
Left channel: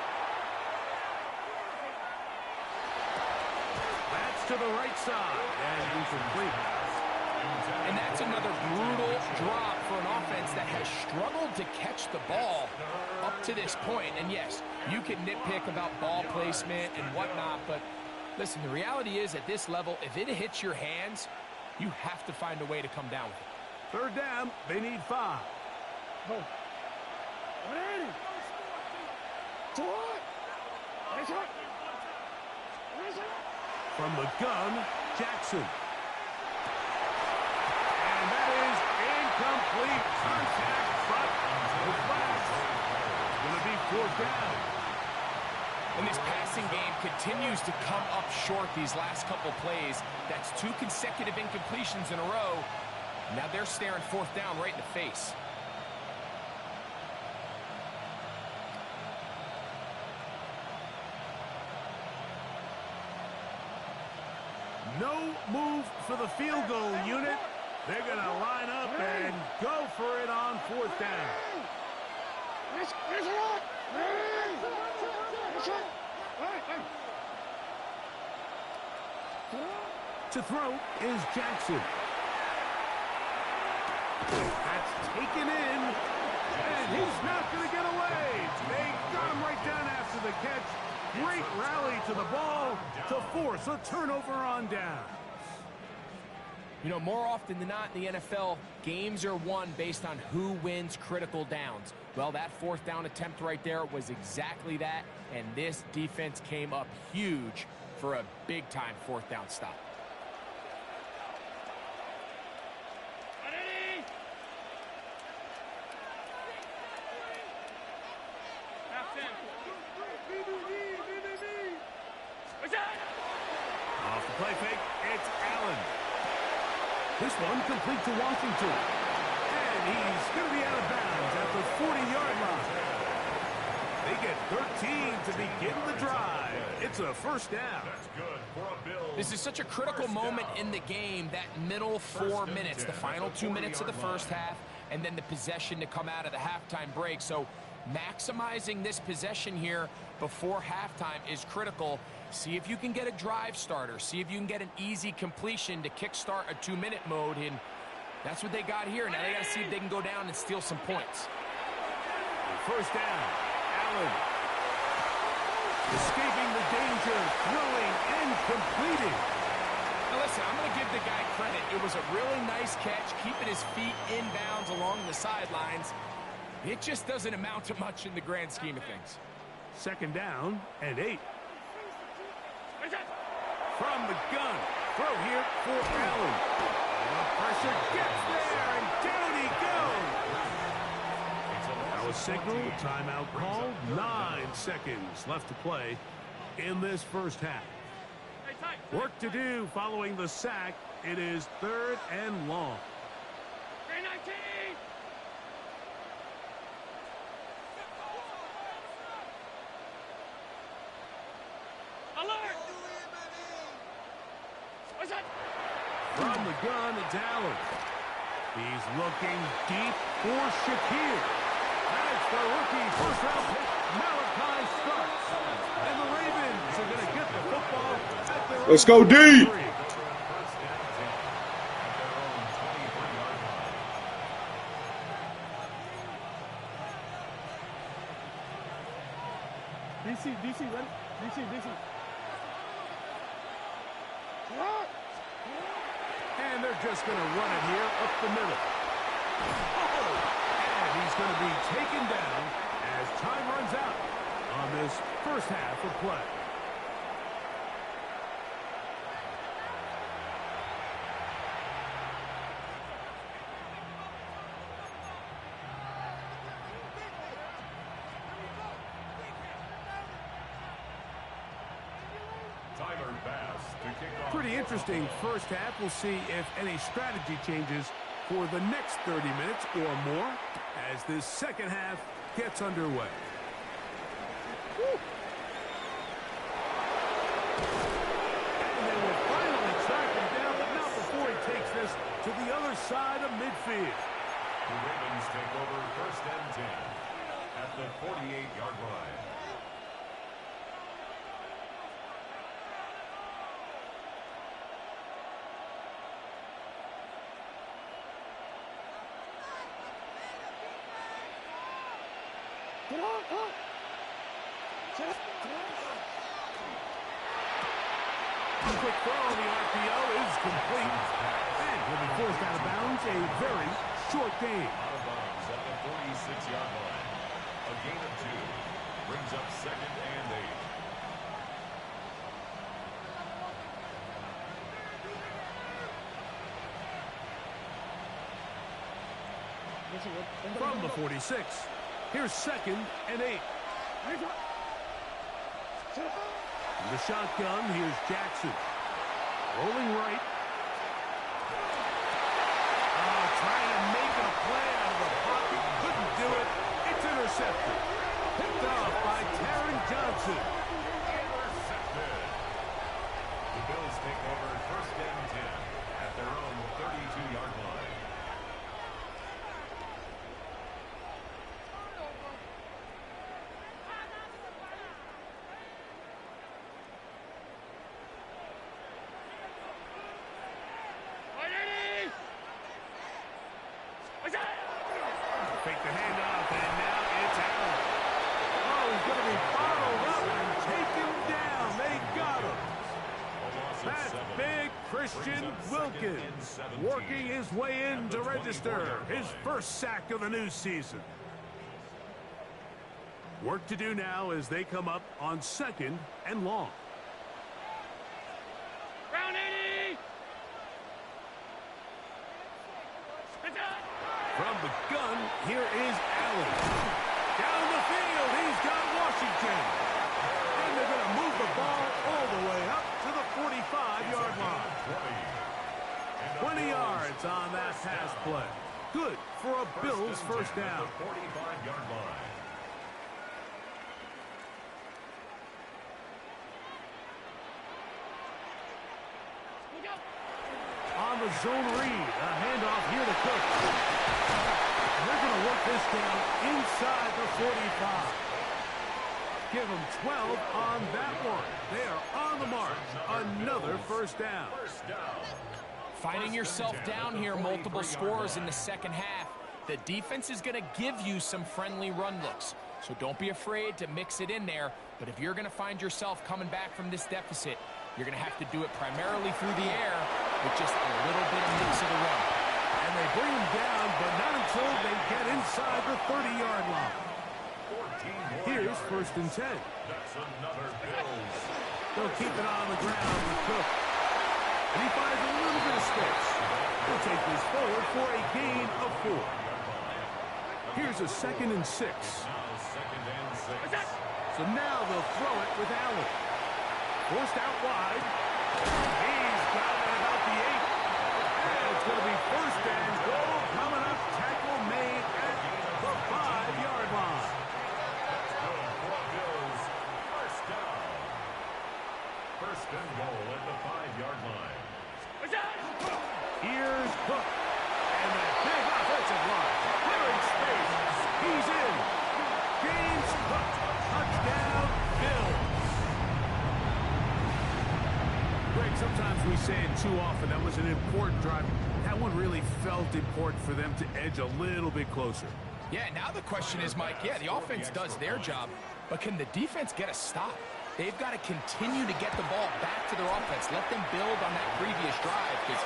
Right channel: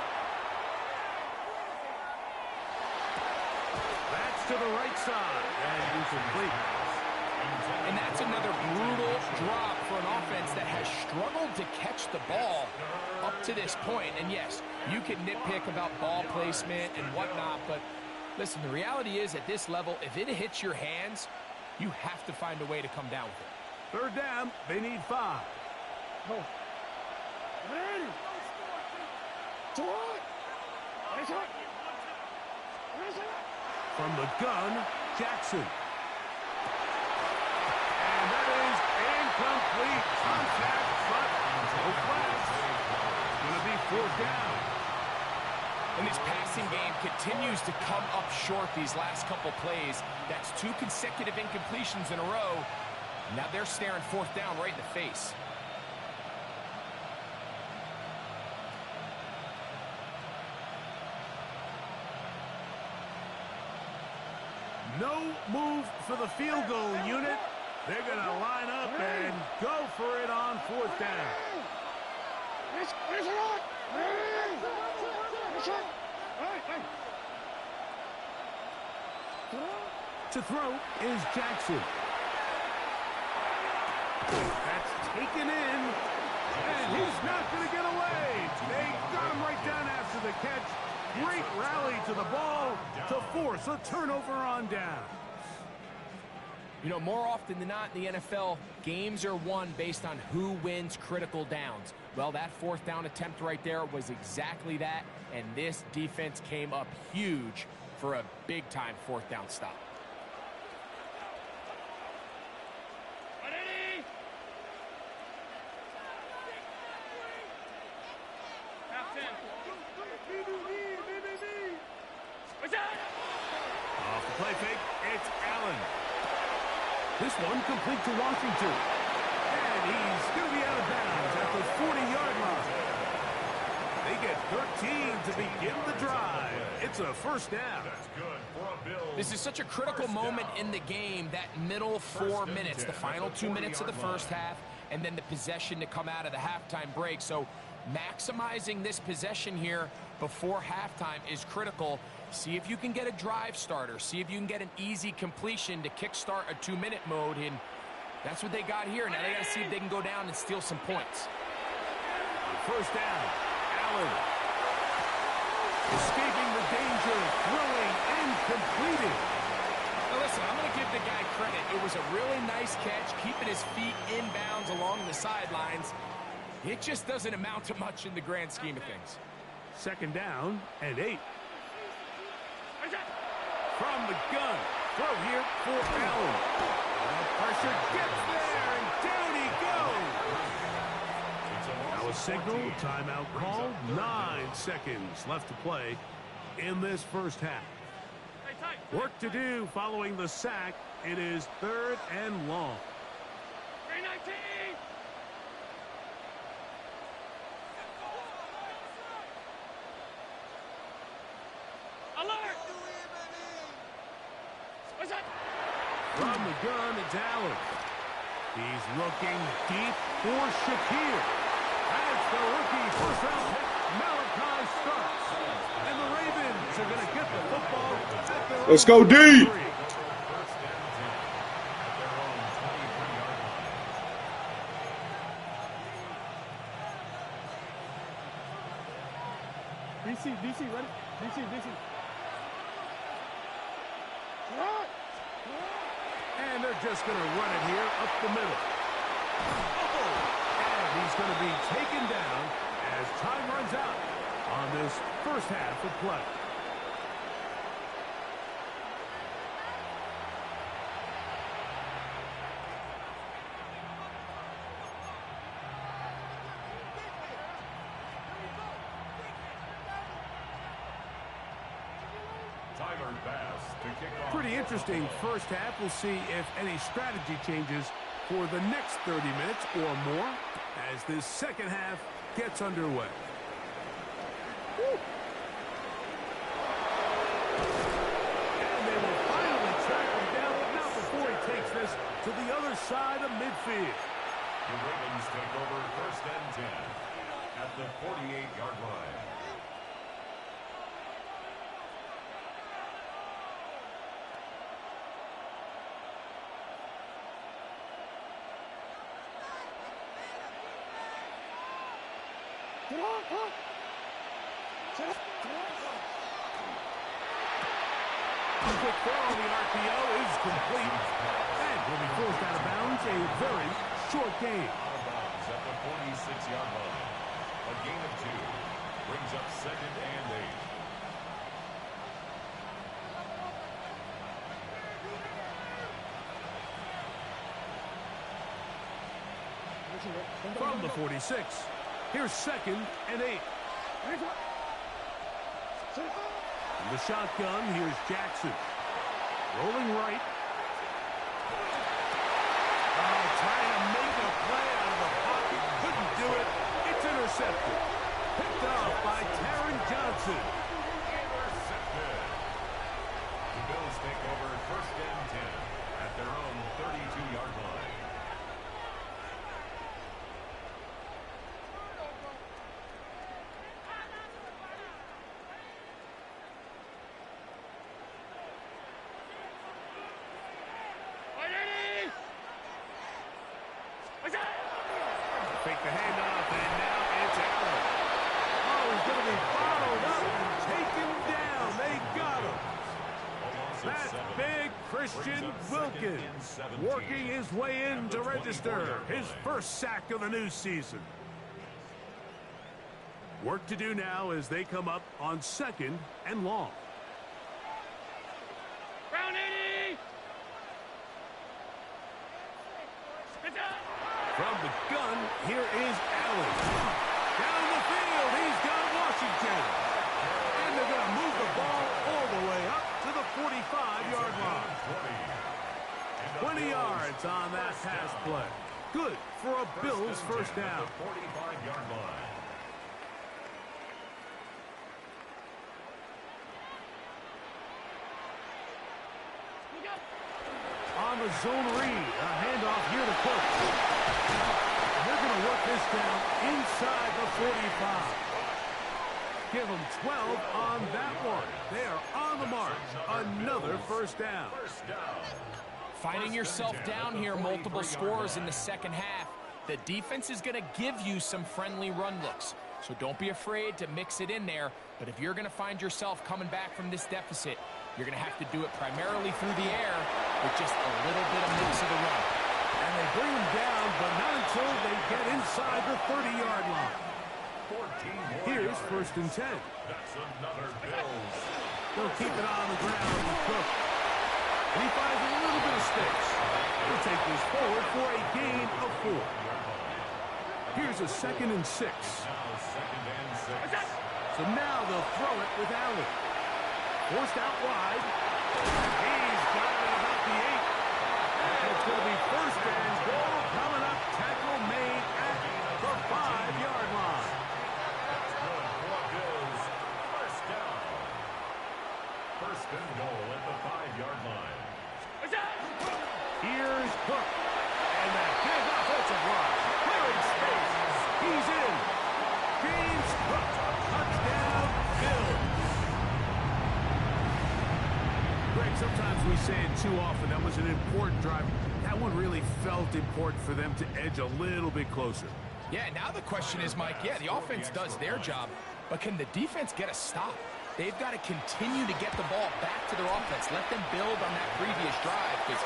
That's to the right side and incomplete. And that's another brutal drop for an offense that has struggled to catch the ball up to this point. And yes, you can nitpick about ball placement and whatnot, but listen, the reality is at this level, if it hits your hands, you have to find a way to come down with it. Third down, they need 5. From the gun, Jackson. And that is incomplete. Contact, but no flags. It's going to be 4th down. And this passing game continues to come up short these last couple plays. That's 2 consecutive incompletions in a row. Now they're staring 4th down right in the face. No move for the field goal unit. They're going to line up and go for it on 4th down. To throw is Jackson. That's taken in, and he's not going to get away. They got him right down after the catch. Great rally to the ball to force a turnover on down. You know, more often than not in the NFL, games are won based on who wins critical downs. Well, that 4th down attempt right there was exactly that, and this defense came up huge for a big-time 4th down stop. Off the play fake, it's Allen. This one complete to Washington. And he's going to be out of bounds at the 40-yard line. They get 13 to begin the drive. It's a 1st down. That's good for a Bills. This is such a critical moment in the game, that middle 4 minutes, the final 2 minutes of the first half, and then the possession to come out of the halftime break. So maximizing this possession here before halftime is critical. See if you can get a drive starter. See if you can get an easy completion to kickstart a 2-minute mode. And that's what they got here. Now they got to see if they can go down and steal some points. First down, Allen. Escaping the danger, throwing and completing. Now listen, I'm going to give the guy credit. It was a really nice catch, keeping his feet inbounds along the sidelines. It just doesn't amount to much in the grand scheme of things. 2nd down and 8. From the gun, throw here for Allen. The pressure gets there, and down he goes. Now a signal, timeout called. 9 seconds left to play in this first half. Work to do following the sack. It is 3rd and long. 319. Alert! What's that? From the gun, it's Allen. He's looking deep for Shakir. That's the rookie first-round pick, Malachi Starks. And the Ravens are going to get the football at their Let's go deep. First and 10 at their own 23-yard line. DC, ready? DC. And they're just going to run it here up the middle. Oh! And he's going to be taken down as time runs out. on this first half of play. Timer pass to kick off. Pretty interesting first half. We'll see if any strategy changes for the next 30 minutes or more as this second half gets underway. Woo. And they will finally track him down, but not before he takes this to the other side of midfield. The Ravens take over first and 10 at the 48-yard line. A quick throw on the RPO is complete. And will be forced out of bounds. A very short game. Out of bounds at the 46-yard line. A gain of 2 brings up second and 8. From the 46, here's second and 8. In the shotgun, here's Jackson. Rolling right. Oh, trying to make a play out of the pocket. Couldn't do it. It's intercepted. Picked off by Taron Johnson. Intercepted. The Bills take over first and 10 at their own 32-yard line. Fake the handoff, and now it's Allen. Oh, he's going to be bottled up and taken down. They got him. That's big Christian Wilkins working his way in to register his first sack of the new season. Work to do now as they come up on second and long. Round 80! From the gun, here is Allen. Down the field, he's got Washington. And they're going to move the ball all the way up to the 45-yard line. 20 yards on that pass play. Good for a Bills first down. 45-yard line. On the zone read, a handoff here to Cook. They're going to work this down inside the 45. Give them 12 on that one. They are on the march. Another first down. Finding yourself down here, multiple scores in the second half. The defense is going to give you some friendly run looks. So don't be afraid to mix it in there. But if you're going to find yourself coming back from this deficit, you're going to have to do it primarily through the air with just a little bit of mix of the run. And they bring them down, but not until they get inside the 30-yard line. Here's first and 10. That's another Bills. They'll keep it on the ground with Cook. And he finds a little bit of space. He'll take this forward for a gain of 4. Here's a second and 6. Now second and 6. So now they'll throw it with Allen. Forced out wide. He's got it at about the 8. And it's going to be first and goal coming up. Tackle made at the 5-yard line. That's good for Bills. First down. First and goal at the 5-yard line. Here's Cook. And that big offensive line. Clearing space. He's in. James Cook. Touchdown, Bills. Greg, sometimes we say it too often. That was an important drive. That one really felt important for them to edge a little bit closer. Yeah, now the question is, Mike, yeah, the offense does their job, but can the defense get a stop? They've got to continue to get the ball back to their offense. Let them build on that previous drive because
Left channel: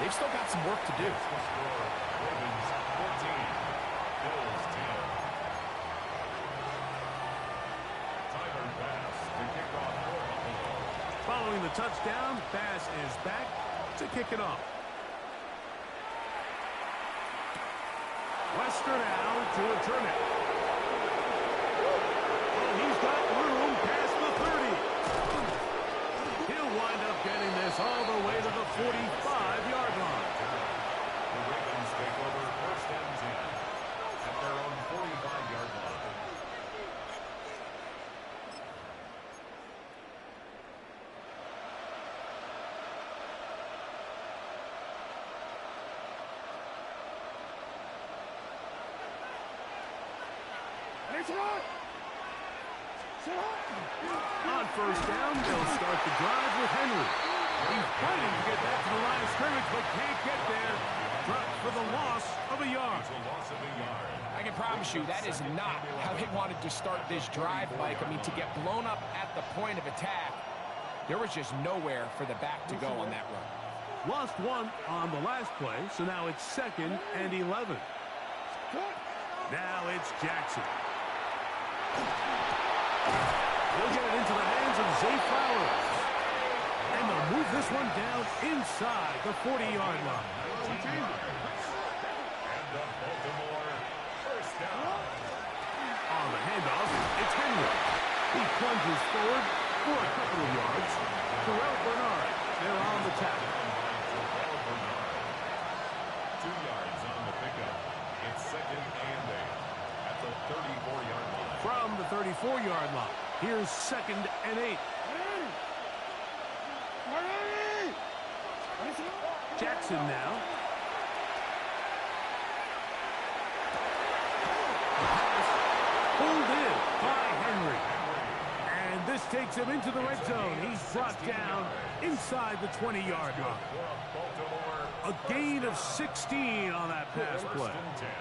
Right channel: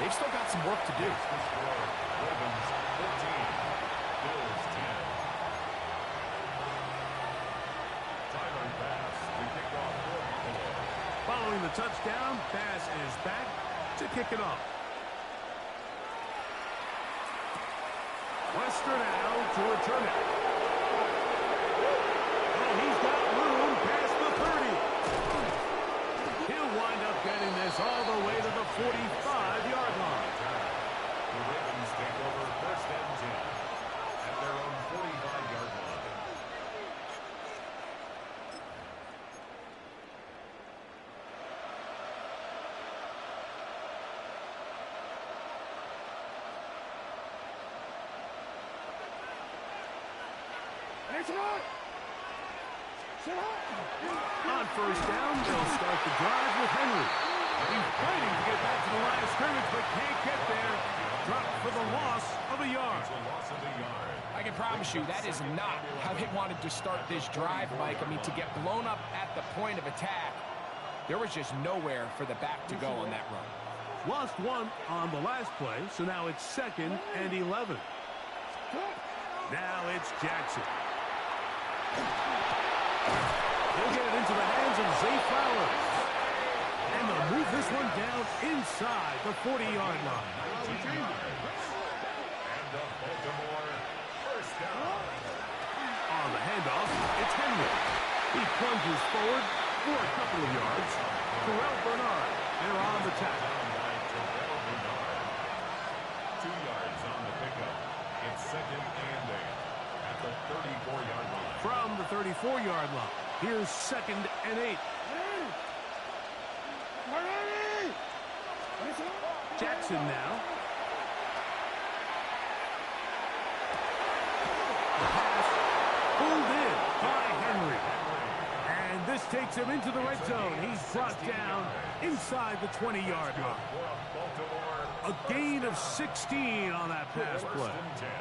they've still got some work to do. Ravens 14, Bills 10. the touchdown. Pass is back to kick it off. Lester now to return it. Oh, he's got room past the 30. He'll wind up getting this all the way to the 45-yard line. The Ravens take over first and 10 at their own 45-yard line. On first down, they'll start the drive with Henry. He's fighting to get back to the line of scrimmage, but can't get there. Dropped for the loss of a yard. It's a loss of a yard. I can promise you that is not how they wanted to start this drive, Mike. I mean, to get blown up at the point of attack, there was just nowhere for the back to go on that run. Lost one on the last play, so now it's 2nd and 11. Now it's Jackson. He'll get it into the hands of Zay Flowers. And they'll move this one down inside the 40-yard line. 19 yards. And a Baltimore first down. On the handoff, it's Henry. He plunges forward for a couple of yards. Terrell Bernard, they're on the tackle. Down by Terrell Bernard. 2 yards on the pickup. It's 2nd and 8 at the 34-yard line. From the 34-yard line, here's 2nd and 8. Jackson now. The pass pulled in by Henry. And this takes him into the red zone. He's brought down inside the 20-yard line. A gain of 16 on that pass play.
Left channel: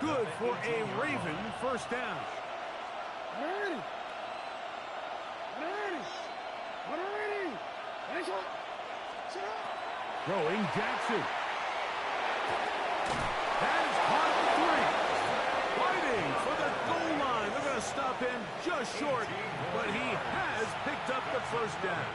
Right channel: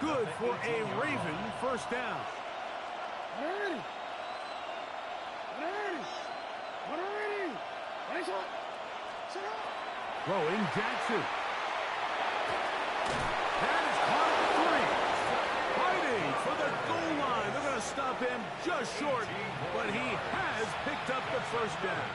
Good for a Raven first down. Throwing Jackson. That is caught at the 3. Fighting for the goal line. They're going to stop him just short, but he has picked up the first down.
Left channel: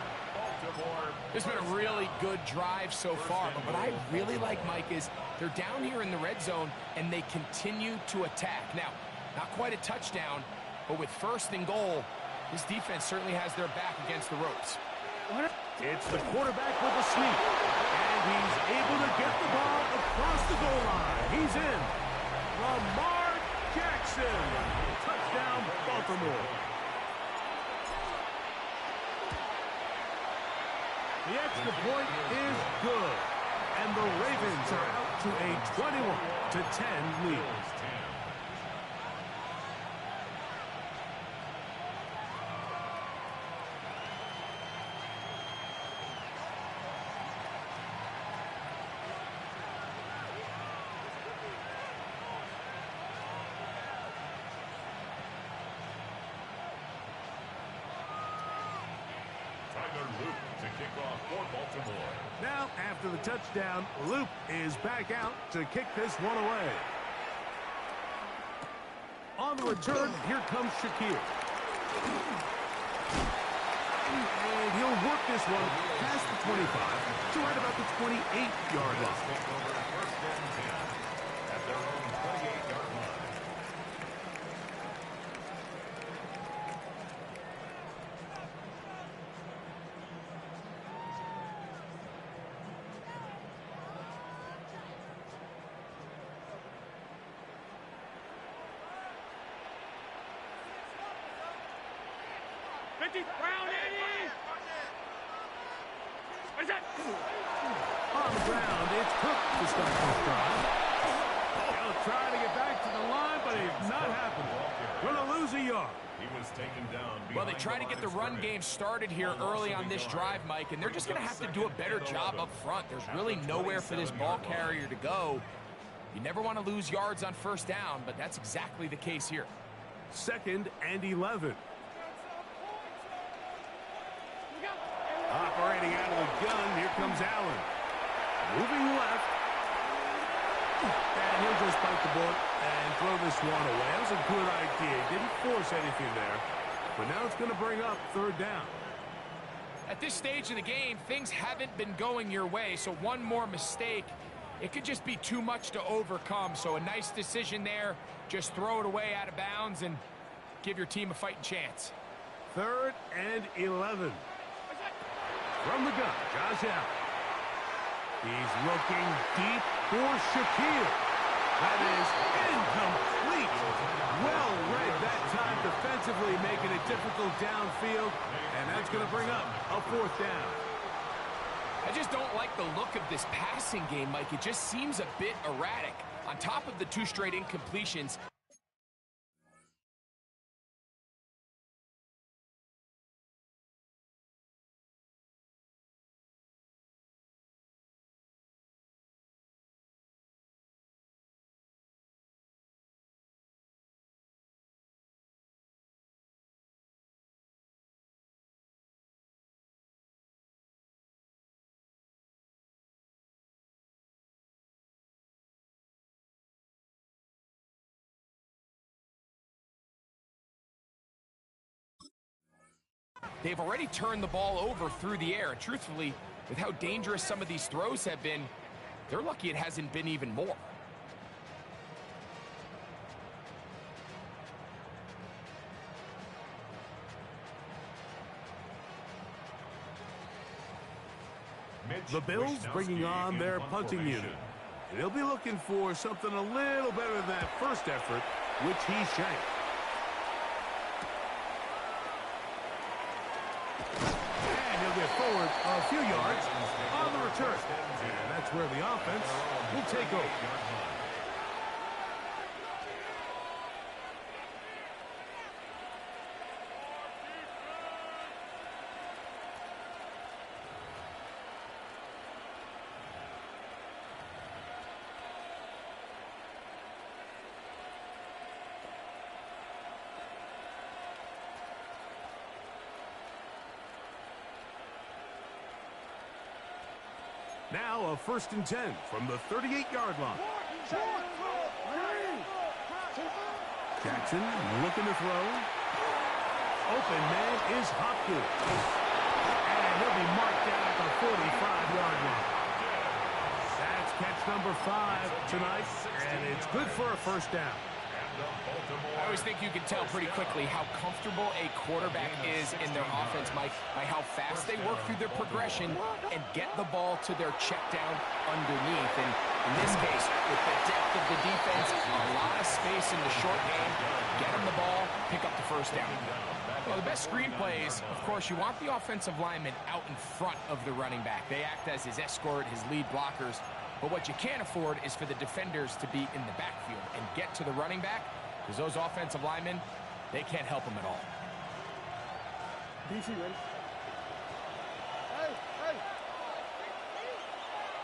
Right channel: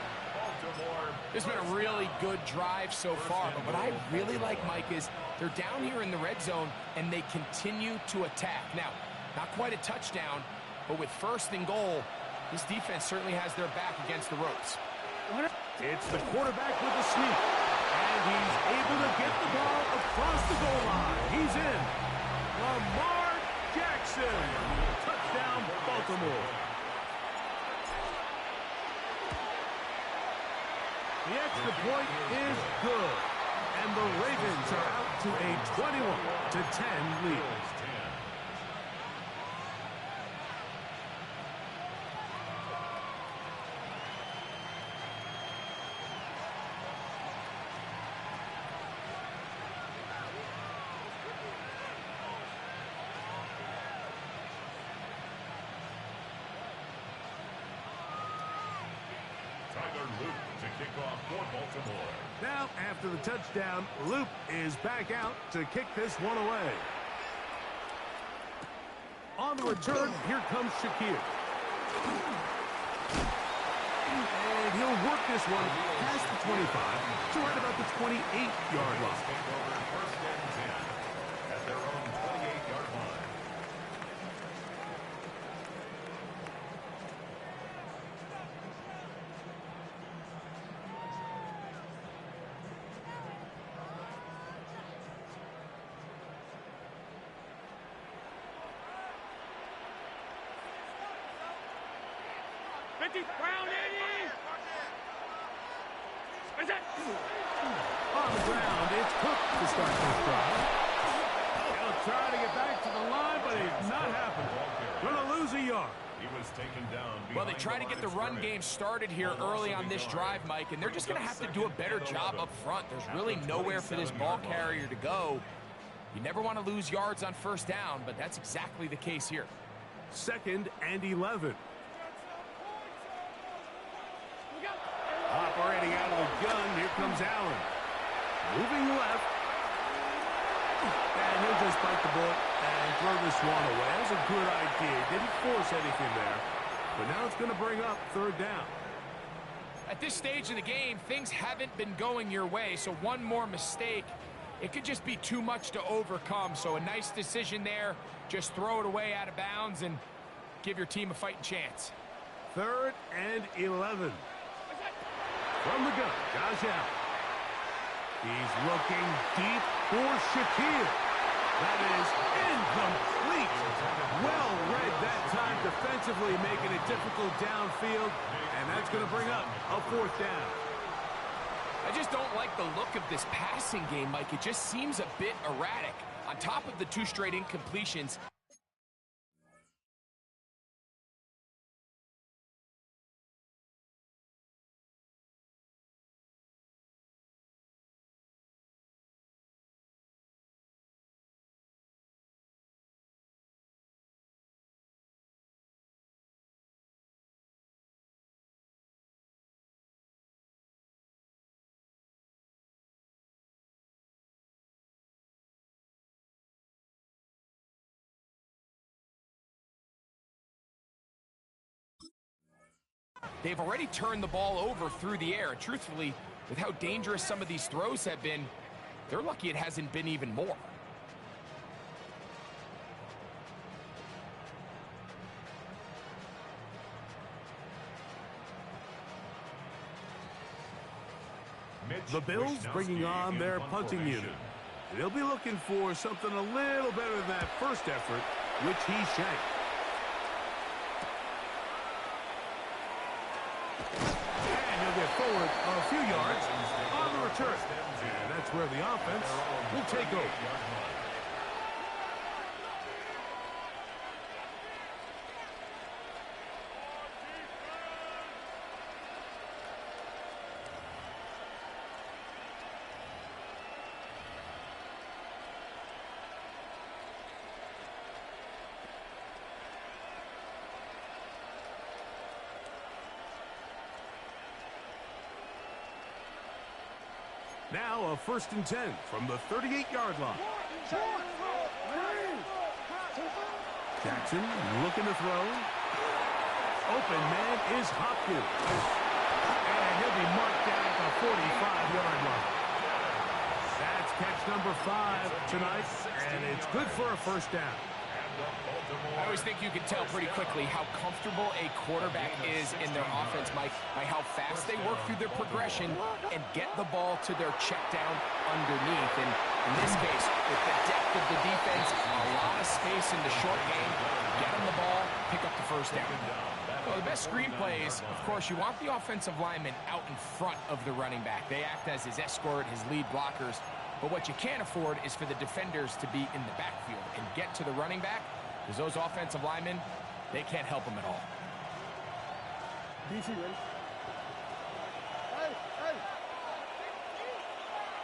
It's been a really good drive so far, but what I really like, Mike, is they're down here in the red zone, and they continue to attack. Now, not quite a touchdown, but with 1st and goal, this defense certainly has their back against the ropes. It's the quarterback with the sneak, and he's able to get the ball across the goal line. He's in. Lamar Jackson. Touchdown, Baltimore. The extra point is good, and the Ravens are out to a 21-10 lead. Luke to kick off for Baltimore. Now, after the touchdown, Luke is back out to kick this one away. On the return, here comes Shakir. And he'll work this one past the 25 to right about the 28-yard line. Take over first and 10 at their own 28-yard line. Brown, Eddie! What is that? On the ground, it's Cook to start this drive. He'll try to get back to the line, but it's not happening. Gonna lose a yard. He was taken down. Well, they try to get the run game started here early on this drive, Mike, and they're just going to have to do a better job up front. There's really nowhere for this ball carrier to go. You never want to lose yards on first down, but that's exactly the case here. 2nd and 11. Operating out of the gun, here comes Allen. Moving left. And he'll just bite the bullet and throw this one away. That was a good idea. Didn't force anything there. But now it's going to bring up 3rd down. At this stage of the game, things haven't been going your way, so one more mistake, it could just be too much to overcome. So a nice decision there. Just throw it away out of bounds and give your team a fighting chance. 3rd and 11. From the gun, Josh Allen. He's looking deep for Shaquille. That is incomplete. Well read that time defensively, making it difficult downfield, and that's going to bring up a 4th down. I just don't like the look of this passing game, Mike. It just seems a bit erratic. On top of the 2 straight incompletions, they've already turned the ball over through the air. And truthfully, with how dangerous some of these throws have been, they're lucky it hasn't been even more. The Bills bringing on their punting unit. And they'll be looking for something a little better than that first effort, which he shanked. And he'll get forward a few yards on the return. And that's where the offense will take over. Now a 1st and 10 from the 38-yard line. Jackson looking to throw. Open man is Hopkins. And he'll be marked down at the 45-yard line. That's catch number 5 tonight, and it's good for a 1st down. I always think you can tell pretty quickly how comfortable a quarterback is in their offense, Mike, by how fast they work through their progression and get the ball to their check down underneath. And in this case, with the depth of the defense, a lot of space in the short game, get them the ball, pick up the 1st down. Well, the best screen plays, of course, you want the offensive lineman out in front of the running back. They act as his escort, his lead blockers. But what you can't afford is for the defenders to be in the backfield and get to the running back, because those offensive linemen, they can't help them at all. DC, ready? Hey, hey!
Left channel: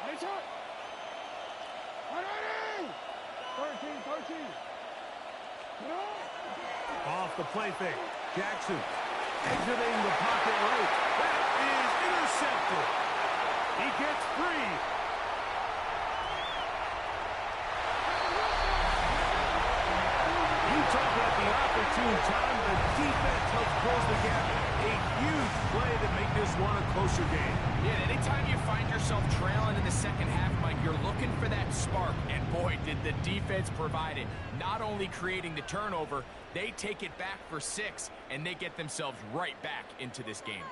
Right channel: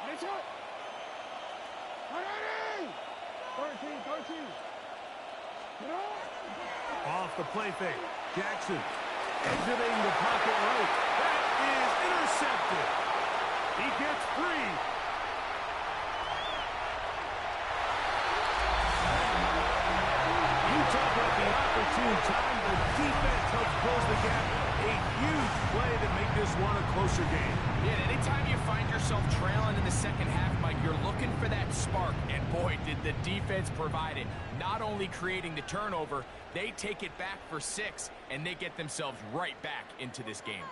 Ready, shot! 13. Get on! Off the play fake. Jackson exiting the pocket right. That is intercepted. He gets free. Talk about the opportune time. The defense helps close the gap. A huge play to make this one a closer game. Yeah, anytime you find yourself trailing in the second half, Mike, you're looking for that spark. And boy, did the defense provide it. Not only creating the turnover, they take it back for 6, and they get themselves right back into this game.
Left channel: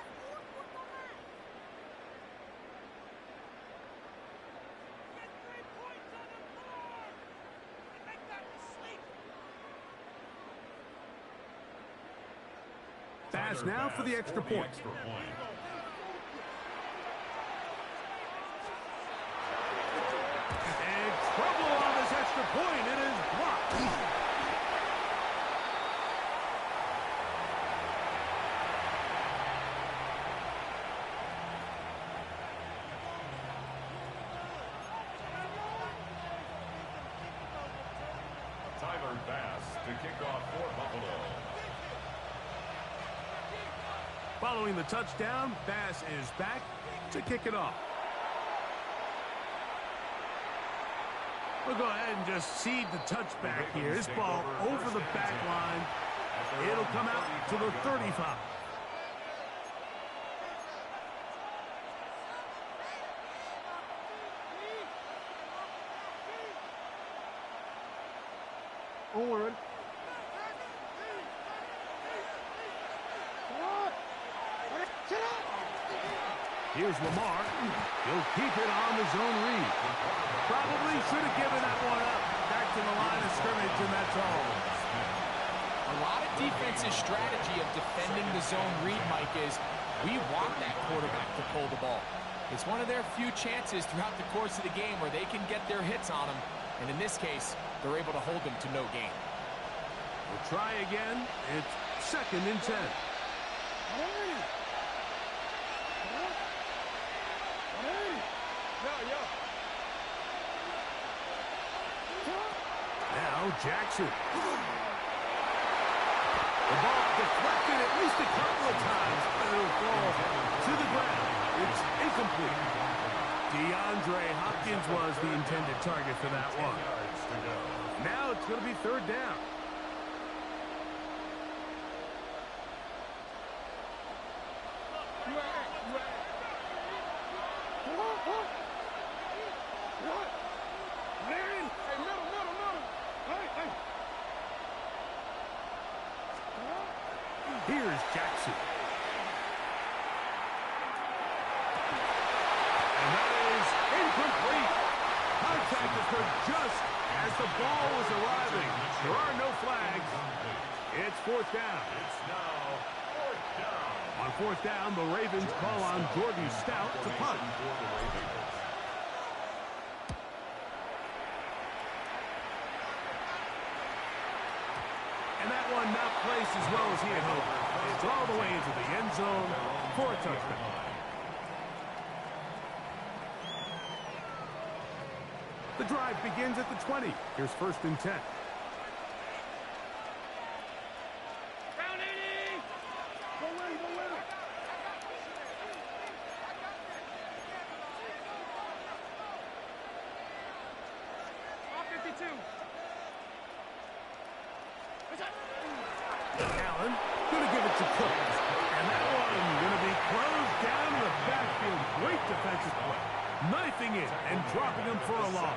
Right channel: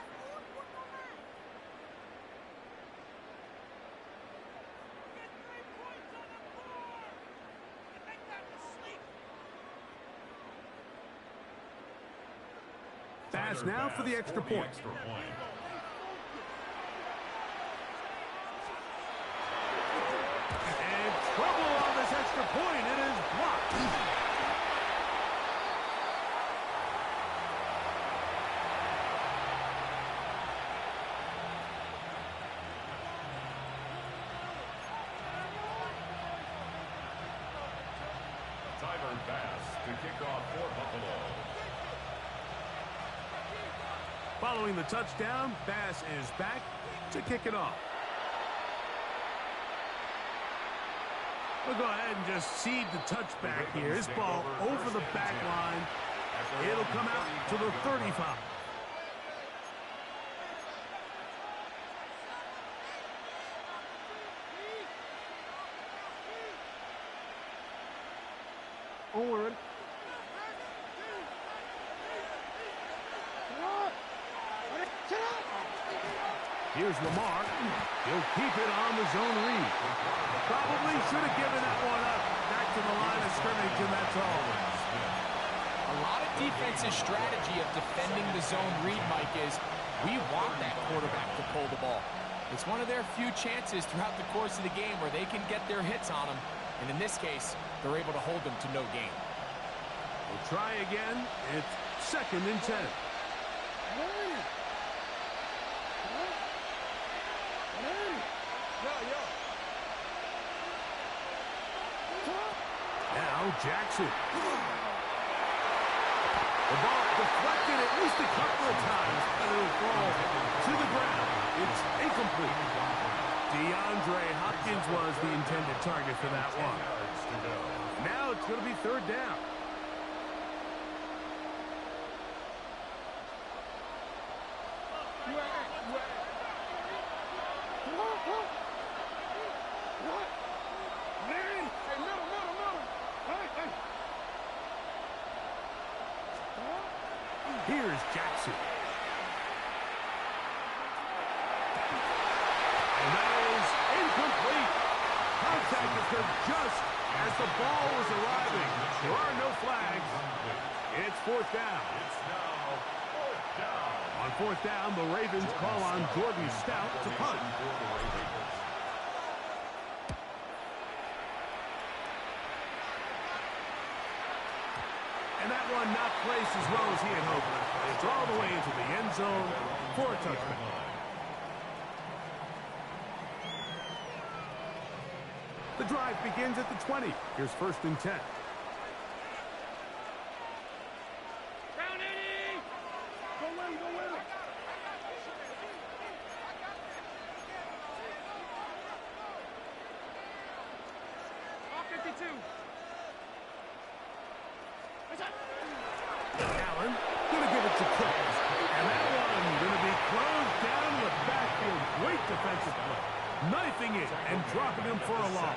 Pass now for the extra point. And trouble on this extra point. It is blocked. Tyler Bass to kick off for Buffalo. Following the touchdown, Bass is back to kick it off. We'll go ahead and just cede the touchback here. This ball over the back line. It'll come out to the 35. Onward. Here's Lamar. He'll keep it on the zone read. Probably should have given that one up. Back to the line of scrimmage, and that's all. A lot of defense's strategy of defending the zone read, Mike, is we want that quarterback to pull the ball. It's one of their few chances throughout the course of the game where they can get their hits on them, and in this case, they're able to hold them to no gain. We'll try again. It's 2nd and 10. Now Jackson. The ball deflected at least a couple of times, but it'll fall to the ground. It's incomplete. DeAndre Hopkins was the intended target for that one. Now it's going to be 3rd down. Here's Jackson. And that is incomplete. Contact occurred just as the ball was arriving. There are no flags. It's 4th down. It's now 4th down. On 4th down, the Ravens call on Jordan Stout to punt. And that one not placed as well as he had hoped. It's all the way into the end zone for a touchdown. The drive begins at the 20. Here's 1st and 10. Go in, go in. All 52. Allen going to give it to Cook. And that one going to be closed down to the backfield. Great defensive play. Knifing it and dropping him for a loss.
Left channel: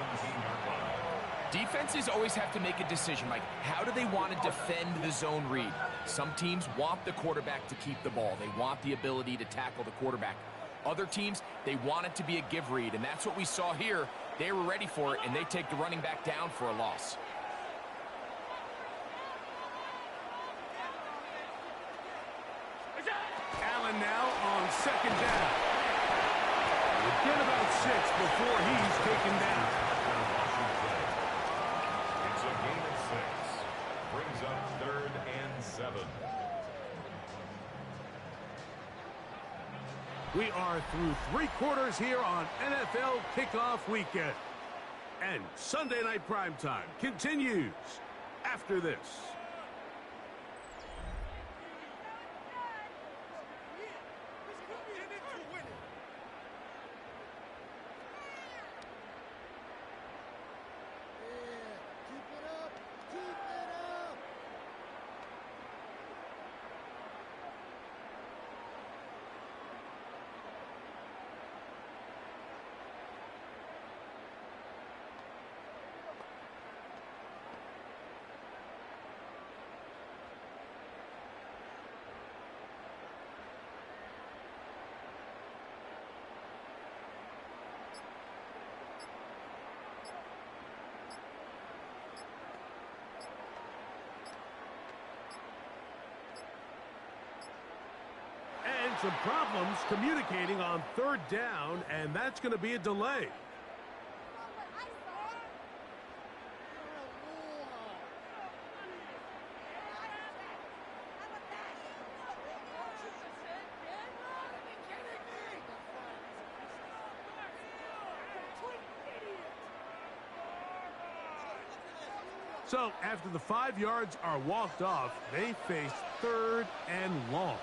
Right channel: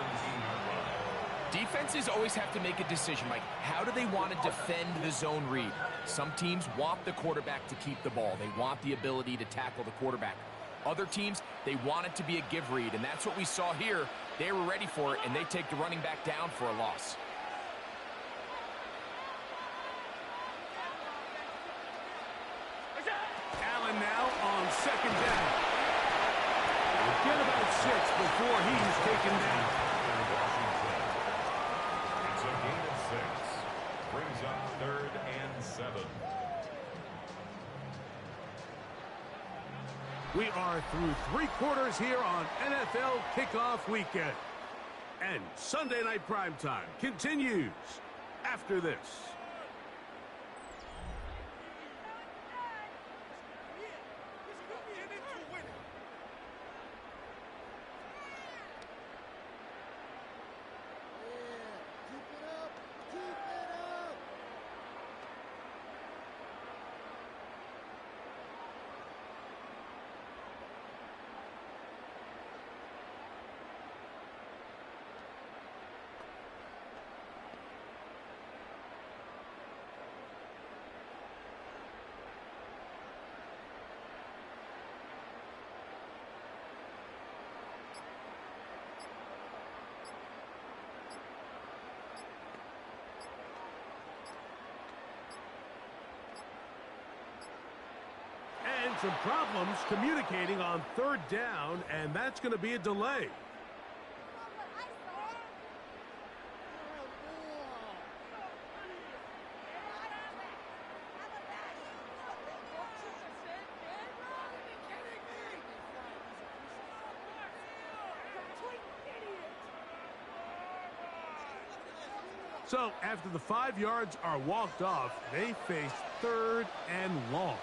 Defenses always have to make a decision, Mike. How do they want to defend the zone read? Some teams want the quarterback to keep the ball. They want the ability to tackle the quarterback. Other teams, they want it to be a give read, and that's what we saw here. They were ready for it, and they take the running back down for a loss. Allen now on 2nd down. We'll get about 6 before he's taken down. It's a gain of 6. Brings up 3rd and 7. We are through 3 quarters here on NFL Kickoff Weekend. And Sunday Night Primetime continues after this. And some problems communicating on 3rd down, and that's going to be a delay. So after the 5 yards are walked off, they face 3rd and long.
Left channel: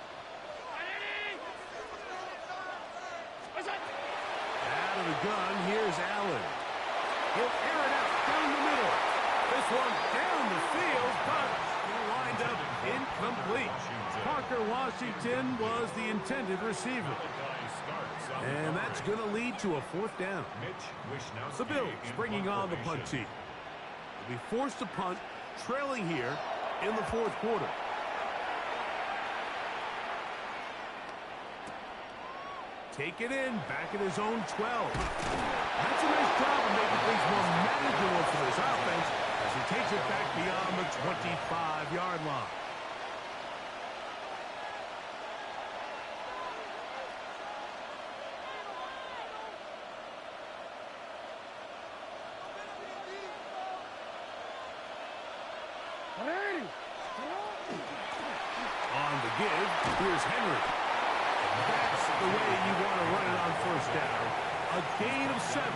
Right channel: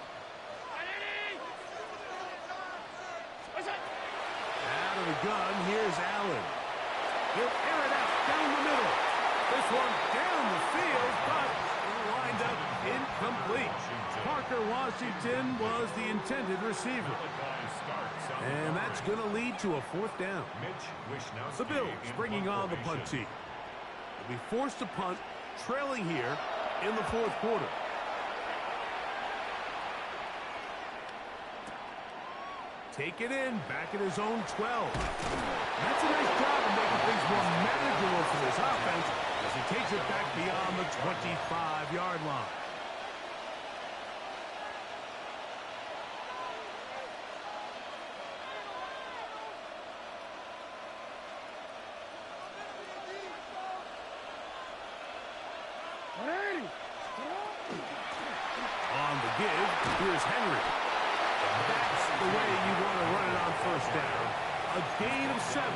Out of the gun, here's Allen. He'll air it out down the middle. This one down the field, but it'll wind up incomplete. Parker Washington was the intended receiver. And that's going to lead to a 4th down. The Bills bringing on the punt team. They'll be forced to punt trailing here in the fourth quarter. Take it in, back at his own 12. That's a nice job of making things more manageable for this offense as he takes it back beyond the 25-yard line. On the give, here's Henry. That's the way you want to run it on first down. A gain of 7. 8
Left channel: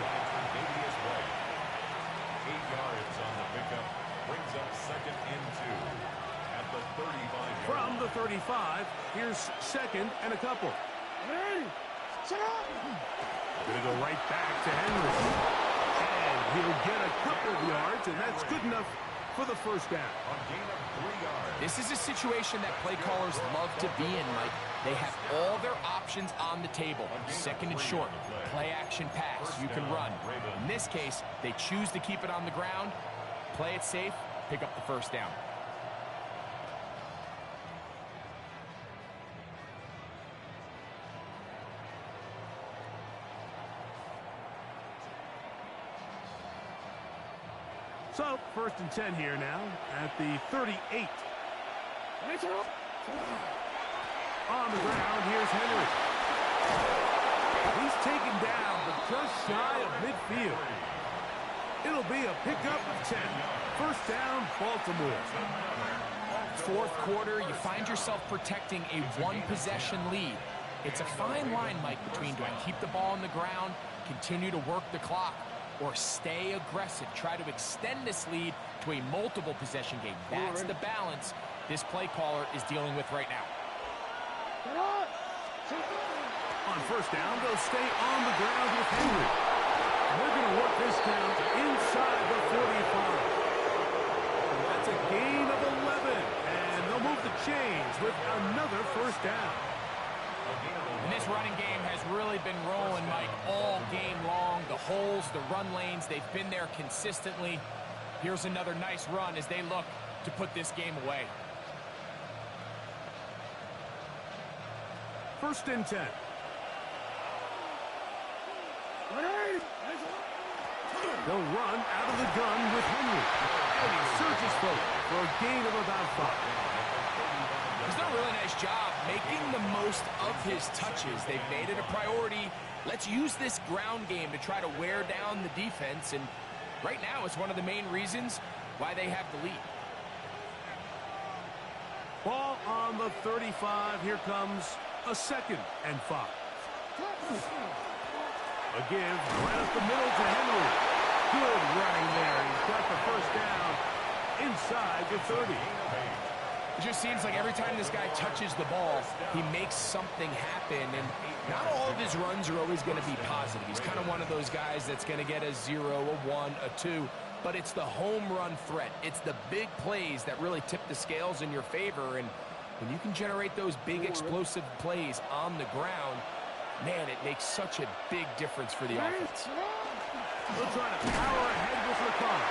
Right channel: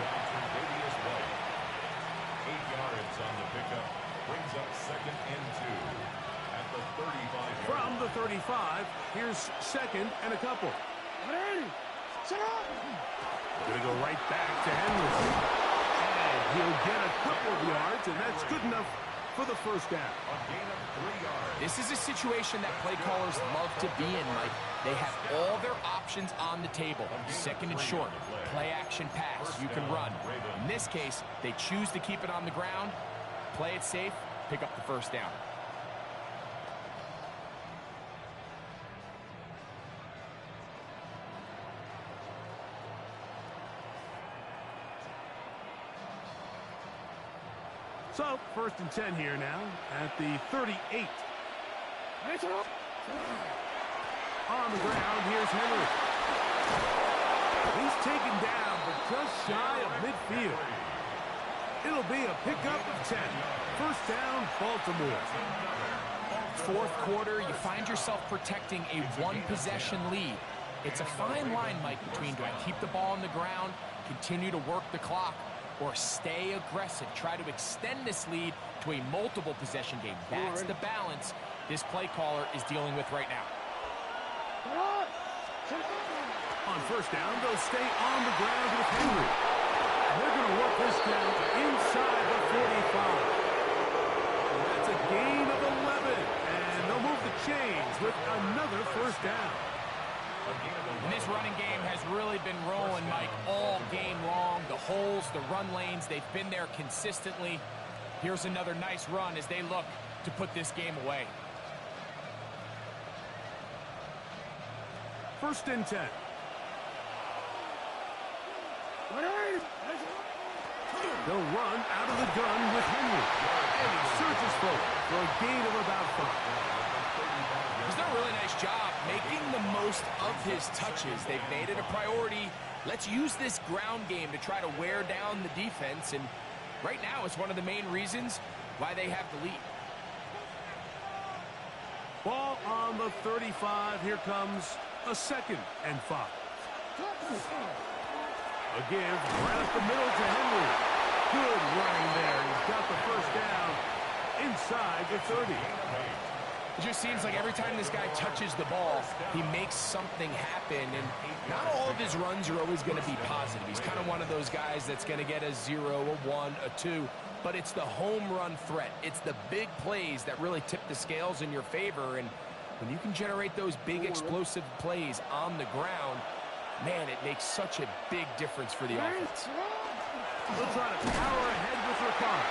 yards on the pickup. Brings up 2nd and 2 at the 35-yard line. From the 35, here's 2nd and a couple. Going to go right back to Henry. And he'll get a couple of yards, and that's good enough for the first down. A gain of 3 yards. This is a situation that play callers love to be in, Mike. They have all their options on the table. 2nd and short, play action pass, you can run. In this case, they choose to keep it on the ground, play it safe, pick up the first down. So, 1st and 10 here now at the 38. On the ground, here's Henry. He's taken down, but just shy of midfield. It'll be a pickup of 10. First down, Baltimore. Fourth quarter, you find yourself protecting a one-possession lead. It's a fine line, Mike, between do I keep the ball on the ground, continue to work the clock, or stay aggressive, try to extend this lead to a multiple possession game. That's the balance this play caller is dealing with right now. On first down, they'll stay on the ground with Henry. And they're going to work this down inside the 45. That's a gain of 11, and they'll move the chains with another first down. And this running game has really been rolling, Mike, all game long. The holes, the run lanes, they've been there consistently. Here's another nice run as they look to put this game away. 1st and 10. They'll run out of the gun with Henry. And he surges forward for a gain of about 5. He's done a really nice job making the most of his touches. They've made it a priority. Let's use this ground game to try to wear down the defense. And right now, it's one of the main reasons why they have the lead. Ball on the 35. Here comes a 2nd and 5. A give right up the middle to Henry. Good running there. He's got the first down inside the 30. It just seems like every time this guy touches the ball, he makes something happen. And not all of his runs are always going to be positive. He's kind of one of those guys that's going to get a 0, a 1, a 2. But it's the home run threat. It's the big plays that really tip the scales in your favor. And when you can generate those big explosive plays on the ground, man, it makes such a big difference for the offense. He'll try to power ahead with Ricard.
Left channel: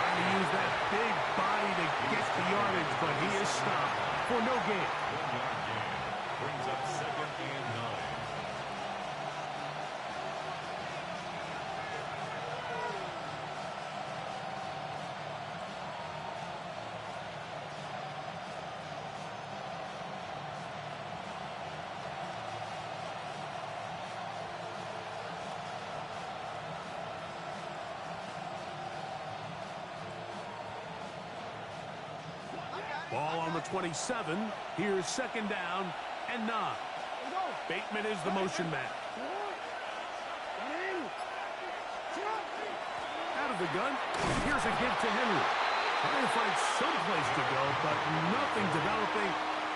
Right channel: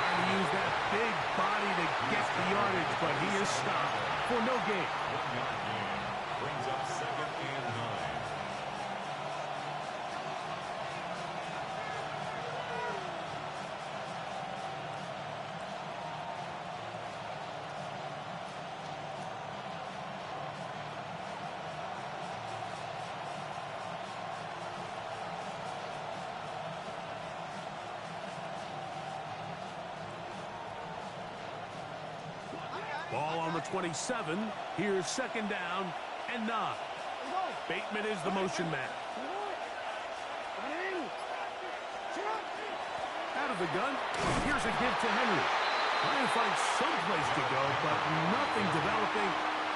Trying to use that big body to get the yardage, but he is stopped for no gain. 1-yard gain brings up 2nd and 9. Ball on the 27. Here's 2nd down and 9. Bateman is the motion man. Out of the gun. Here's a give to Henry. Trying to find some place to go, but nothing developing.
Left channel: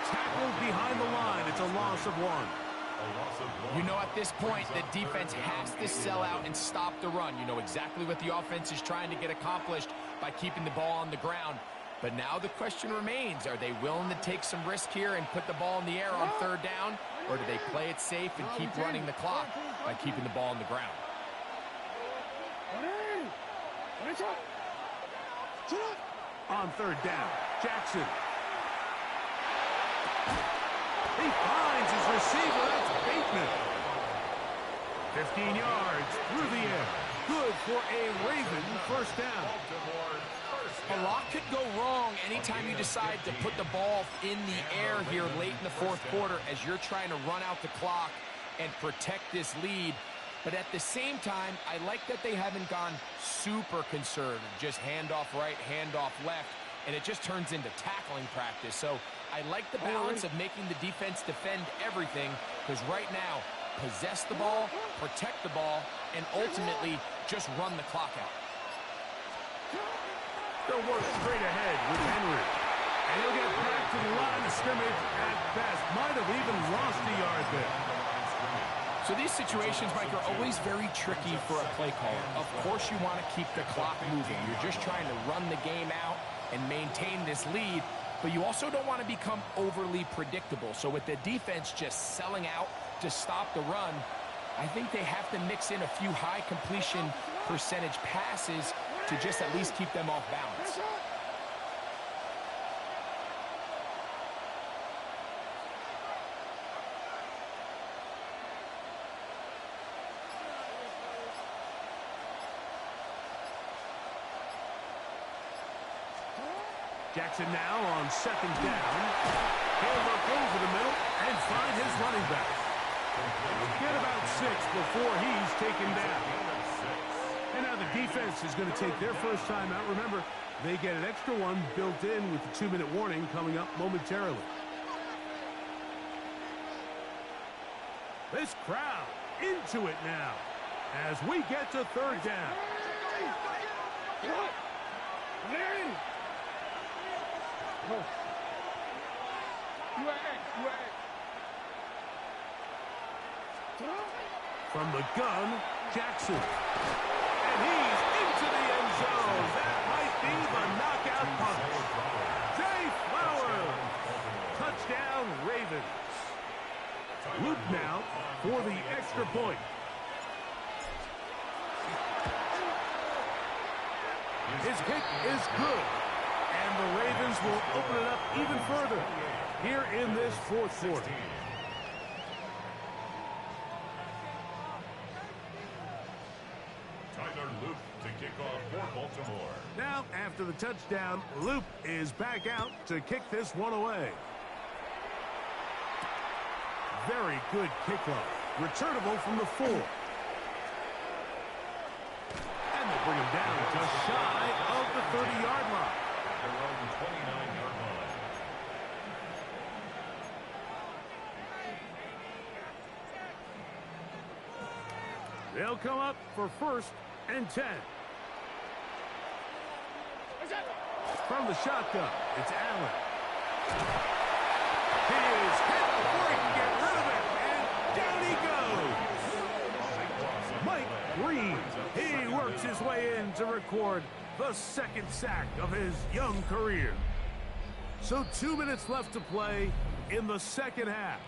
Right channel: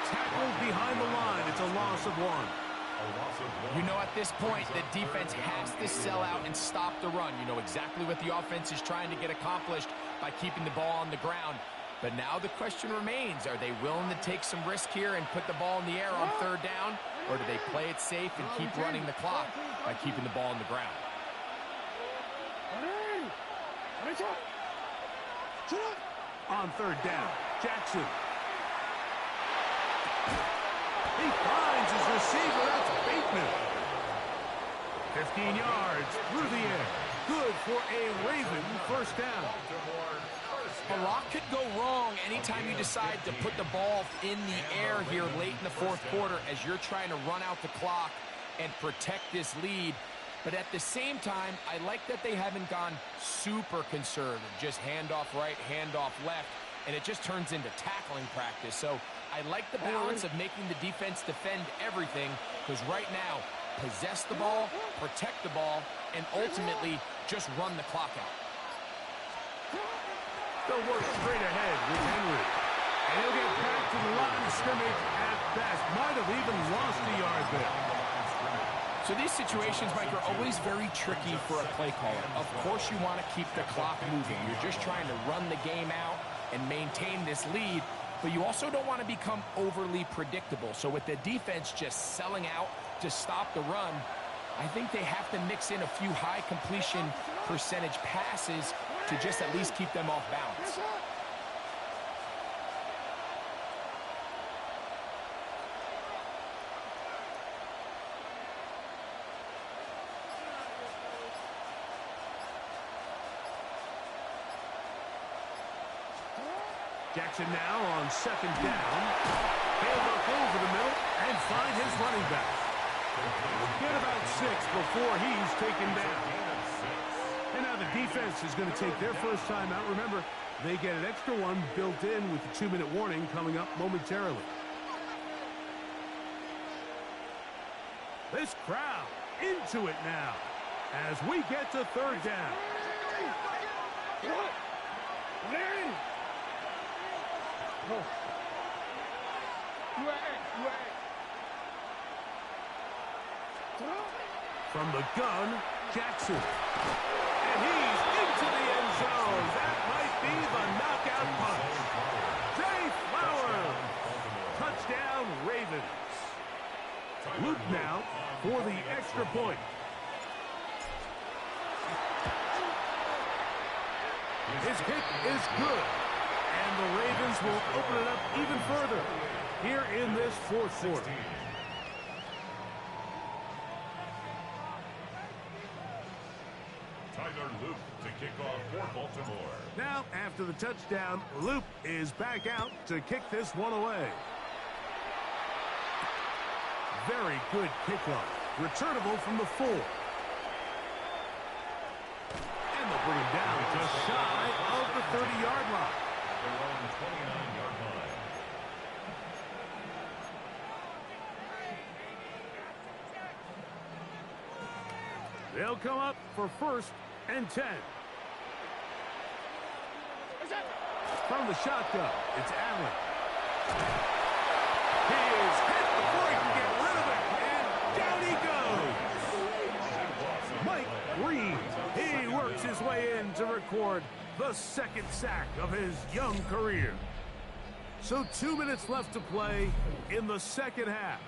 Tackled behind the line. It's a loss of 1. You know, at this point, the defense has to sell out and stop the run. You know exactly what the offense is trying to get accomplished by keeping the ball on the ground. But now the question remains, are they willing to take some risk here and put the ball in the air on 3rd down? Or do they play it safe and keep running the clock by keeping the ball on the ground? On third down, Jackson. He finds his receiver. That's Bateman. 15 yards through the air. Good for a Raven first down. A lot could go wrong anytime you decide to put the ball in the air here late in the fourth quarter as you're trying to run out the clock and protect this lead. But at the same time, I like that they haven't gone super conservative. Just handoff right, handoff left, and it just turns into tackling practice. So I like the balance of making the defense defend everything, because right now, possess the ball, protect the ball, and ultimately just run the clock out. They'll work straight ahead with Henry. And he'll get back to the line of scrimmage at best. Might have even lost a yard there. So these situations, Mike, are always very tricky for a play caller. Of course you want to keep the clock moving. You're just trying to run the game out and maintain this lead, but you also don't want to become overly predictable. So with the defense just selling out to stop the run, I think they have to mix in a few high completion percentage passes to just at least keep them off balance. Jackson now on second down. He'll look over the middle and find his running back. Get about 6 before he's taken down. And now the defense is going to take their first time out. Remember, they get an extra one built in with the 2-minute warning coming up momentarily. This crowd into it now as we get to third down. From the gun, Jackson. And he's into the end zone. That might be the knockout punch. Zay Flowers. Touchdown, Ravens. Luke now for the extra point. His kick is good. And the Ravens will open it up even further here in this fourth quarter. Tyler Loop to kick off for Baltimore. Now, after the touchdown, Loop is back out to kick this one away. Very good kickoff. Returnable from the 4. And they'll bring him down just shy of the 30-yard line. Their own 29-yard line. They'll come up for first and 10. From the shotgun, it's Allen. He is hit before he can get rid of it, and down he goes. Mike Green, he works his way in to record the second sack of his young career. So 2 minutes left to play in the second half.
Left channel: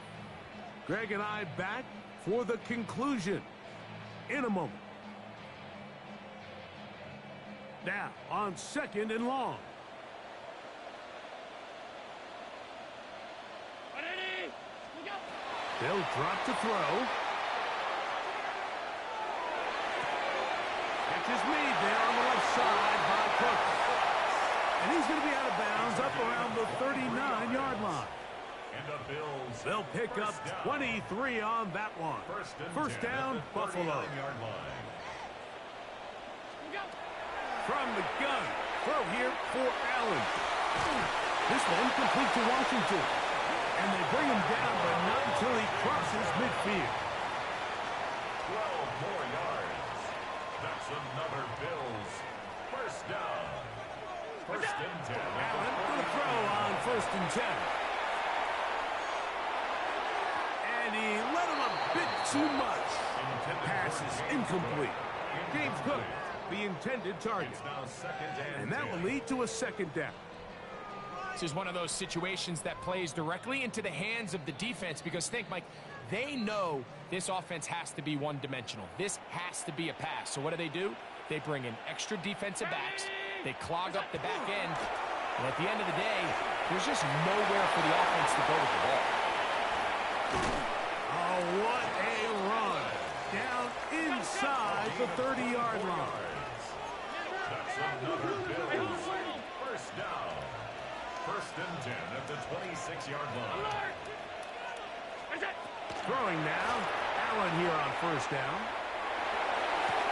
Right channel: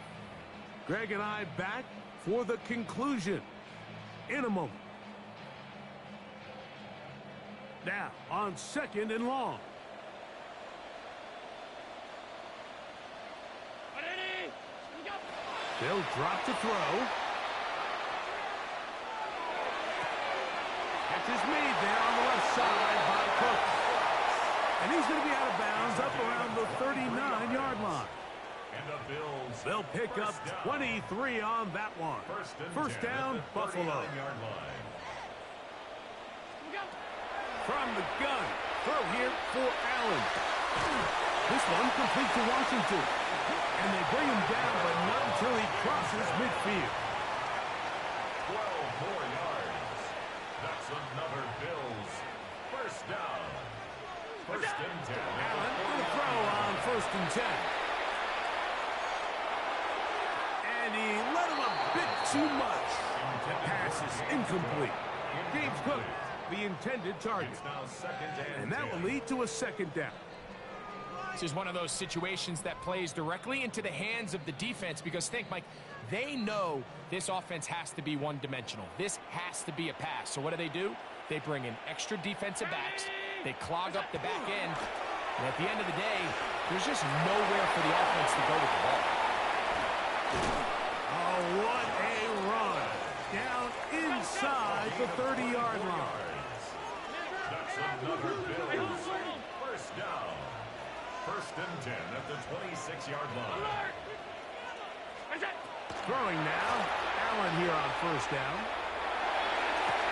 Greg and I back for the conclusion in a moment. Now on second and long. They'll drop to throw. Catch is made there on the left side by Cook. And he's going to be out of bounds up around the 39-yard line. And the Bills. They'll pick up 23 on that one. First down, Buffalo. Line. From the gun, throw here for Allen. This one complete to Washington. And they bring him down, but not until he crosses midfield. 12 more yards. That's another Bills first down. First and 10. Allen going to throw on first and 10. And he let him a bit too much. Pass is incomplete. James Cook, the intended target. It's now second And that will lead to a second down. This is one of those situations that plays directly into the hands of the defense, because think, Mike, they know this offense has to be one-dimensional. This has to be a pass. So what do? They bring in extra defensive backs. They clog up the back end, and at the end of the day, there's just nowhere for the offense to go with the ball. Oh, what a run. Down inside the 30-yard line. That's another Bills first down. 1st and 10 at the 26-yard line. Throwing now. Allen here on 1st down.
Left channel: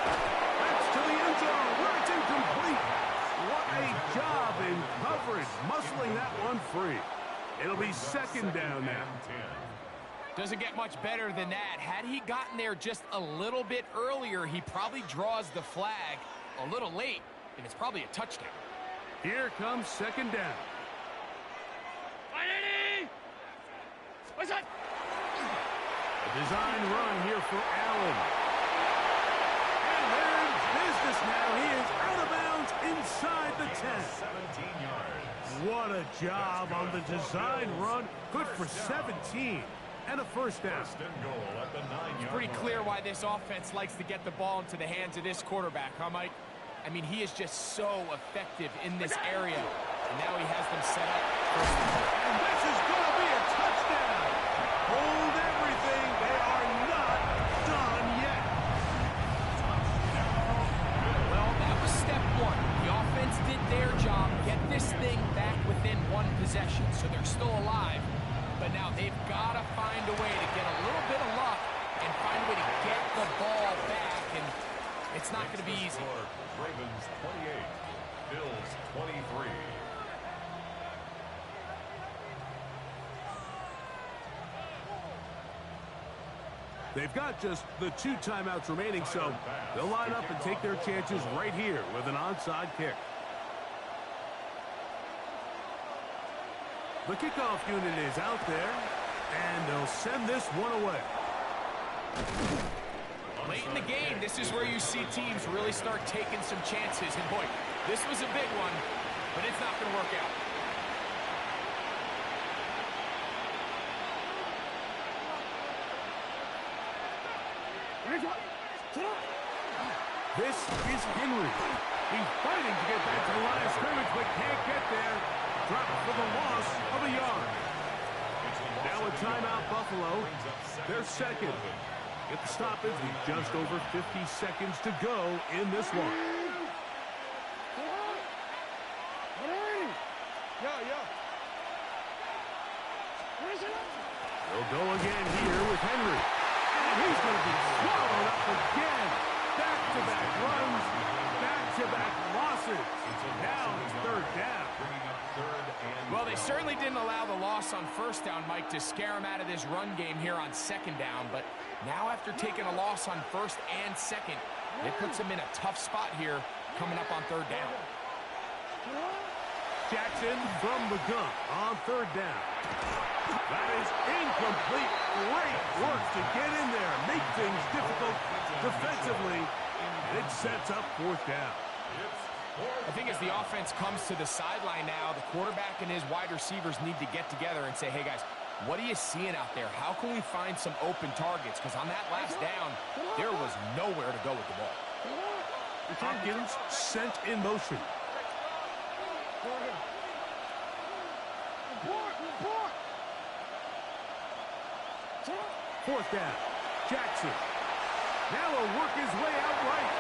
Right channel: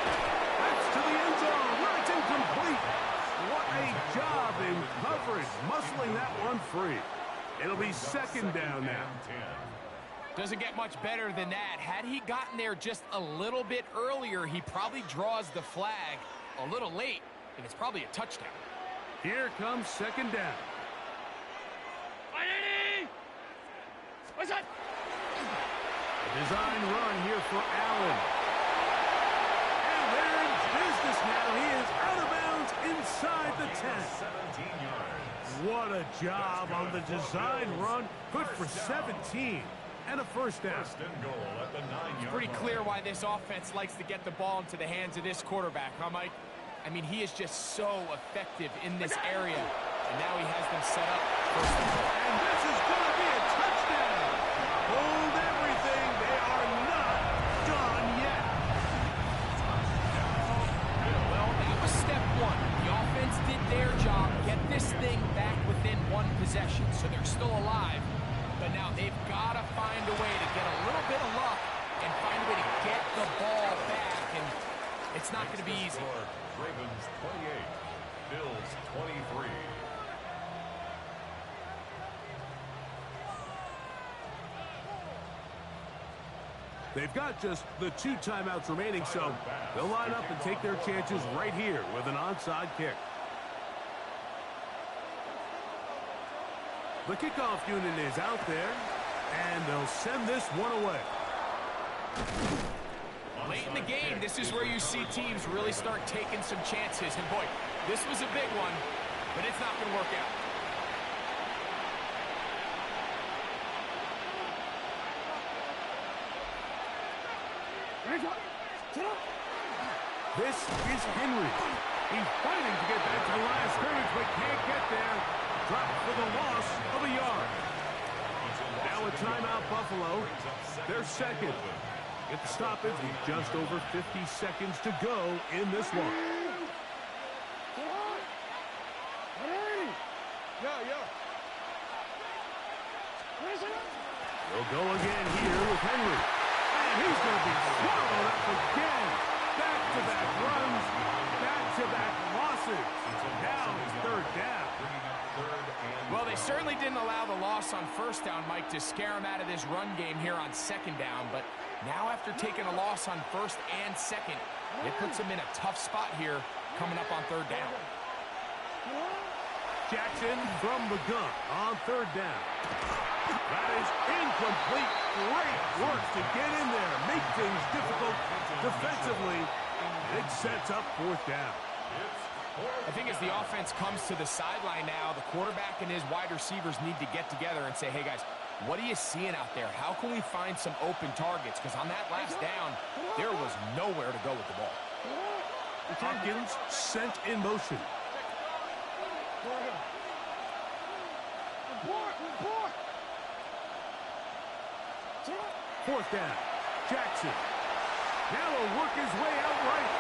That's to the end zone where it's incomplete. What a job in coverage, muscling that one free. It'll be 2nd down now. Doesn't get much better than that. Had he gotten there just a little bit earlier, he probably draws the flag a little late, and it's probably a touchdown. Here comes 2nd down. What's that? A design run here for Allen. And they're in business now. He is out of bounds inside the 10. 17 yards. What a job on the design run. Good for 17. And a 1st down. 1st and goal at the 9-yard It's pretty clear why this offense likes to get the ball into the hands of this quarterback, huh, Mike? I mean, he is just so effective in this area, and now he has them set up 1st and goal. And this is going to be a touchdown. Hold everything. They are not done yet. Well, that was step 1. The offense did their job, get this thing back within 1 possession, so they're still alive. But now they've got to find a way to get a little bit of luck and find a way to get the ball back, and it's not going to be easy. Ravens 28, Bills 23. They've got just the 2 timeouts remaining, so they'll line up and take their chances right here with an onside kick. The kickoff unit is out there, and they'll send this one away. Late in the game, this is where you see teams really start taking some chances. And boy, this was a big one, but it's not going to work out. This is Henry. He's fighting to get back to the line of scrimmage, but can't get there. Drop for the loss of a yard. Now a timeout, Buffalo. They're 2nd. Get the stoppage with just over 50 seconds to go in this one. They'll go again here with Henry. And he's going to be swallowed up again. Back-to-back runs, back-to-back losses. Now it's 3rd down. Well, they certainly didn't allow the loss on 1st down, Mike, to scare him out of this run game here on 2nd down. But now after taking a loss on 1st and 2nd, it puts him in a tough spot here coming up on 3rd down. Jackson from the gun on 3rd down. That is incomplete. Great work to get in there. Make things difficult defensively. And it sets up 4th down. I think as the offense comes to the sideline now, the quarterback and his wide receivers need to get together and say, hey, guys, what are you seeing out there? How can we find some open targets? Because on that last down, there was nowhere to go with the ball. Hopkins sent in motion. 4th down. Jackson. Now he'll work his way out right.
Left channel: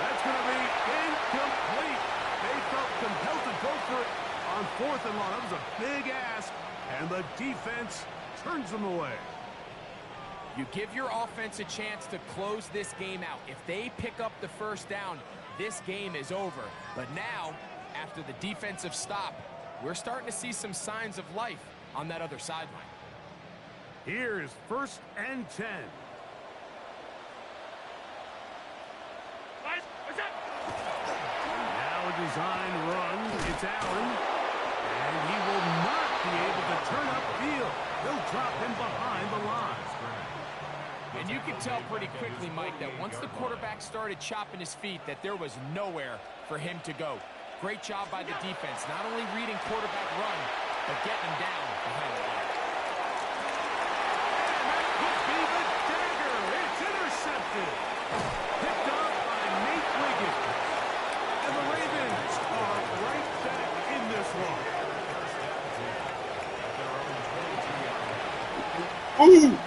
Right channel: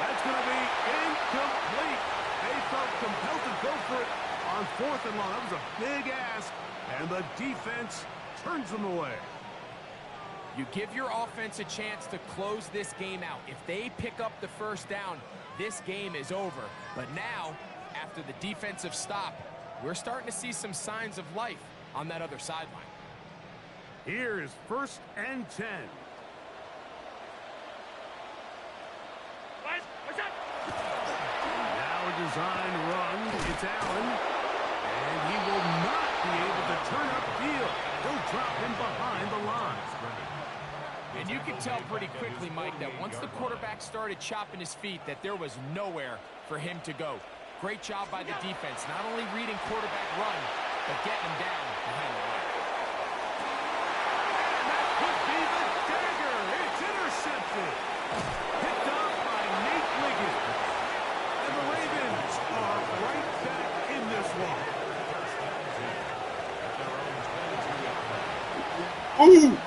That's going to be incomplete. They felt compelled to go for it on 4th and long. That was a big ask, and the defense turns them away. You give your offense a chance to close this game out. If they pick up the 1st down, this game is over. But now, after the defensive stop, we're starting to see some signs of life on that other sideline. Here is 1st and 10. Now a design run. It's Allen. And he will not be able to turn upfield. They'll drop him behind the line. And you can tell pretty quickly, Mike, that once the quarterback started chopping his feet, that there was nowhere for him to go. Great job by the defense, not only reading quarterback run, but getting him down behind the line. And that could be the dagger. It's intercepted. Picked off by Nate Wiggins. And And the Ravens are right back in this one. First down team at their own 22-yard line. Ooh!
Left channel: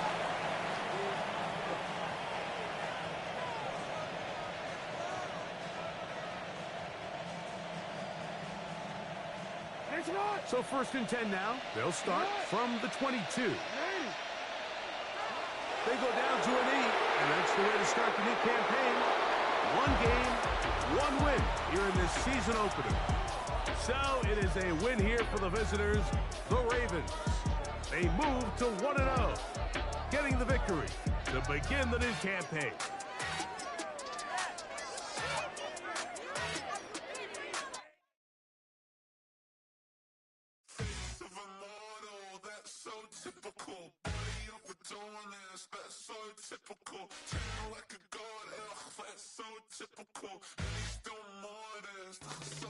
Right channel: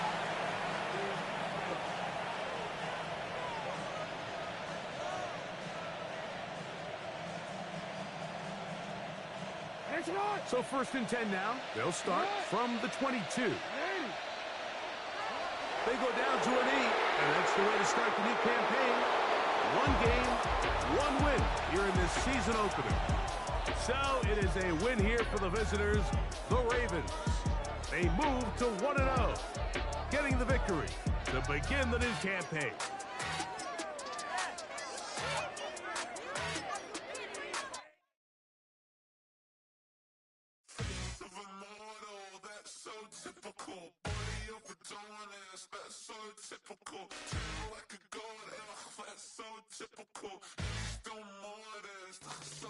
So 1st and 10 now. They'll start from the 22. They go down to a knee, and that's the way to start the new campaign. One game, one win here in this season opener. So it is a win here for the visitors, the Ravens. They move to 1-0, getting the victory to begin the new campaign. Typical, body of a dominance, that's so typical. Treat like a god, that's so typical. He's still modest, so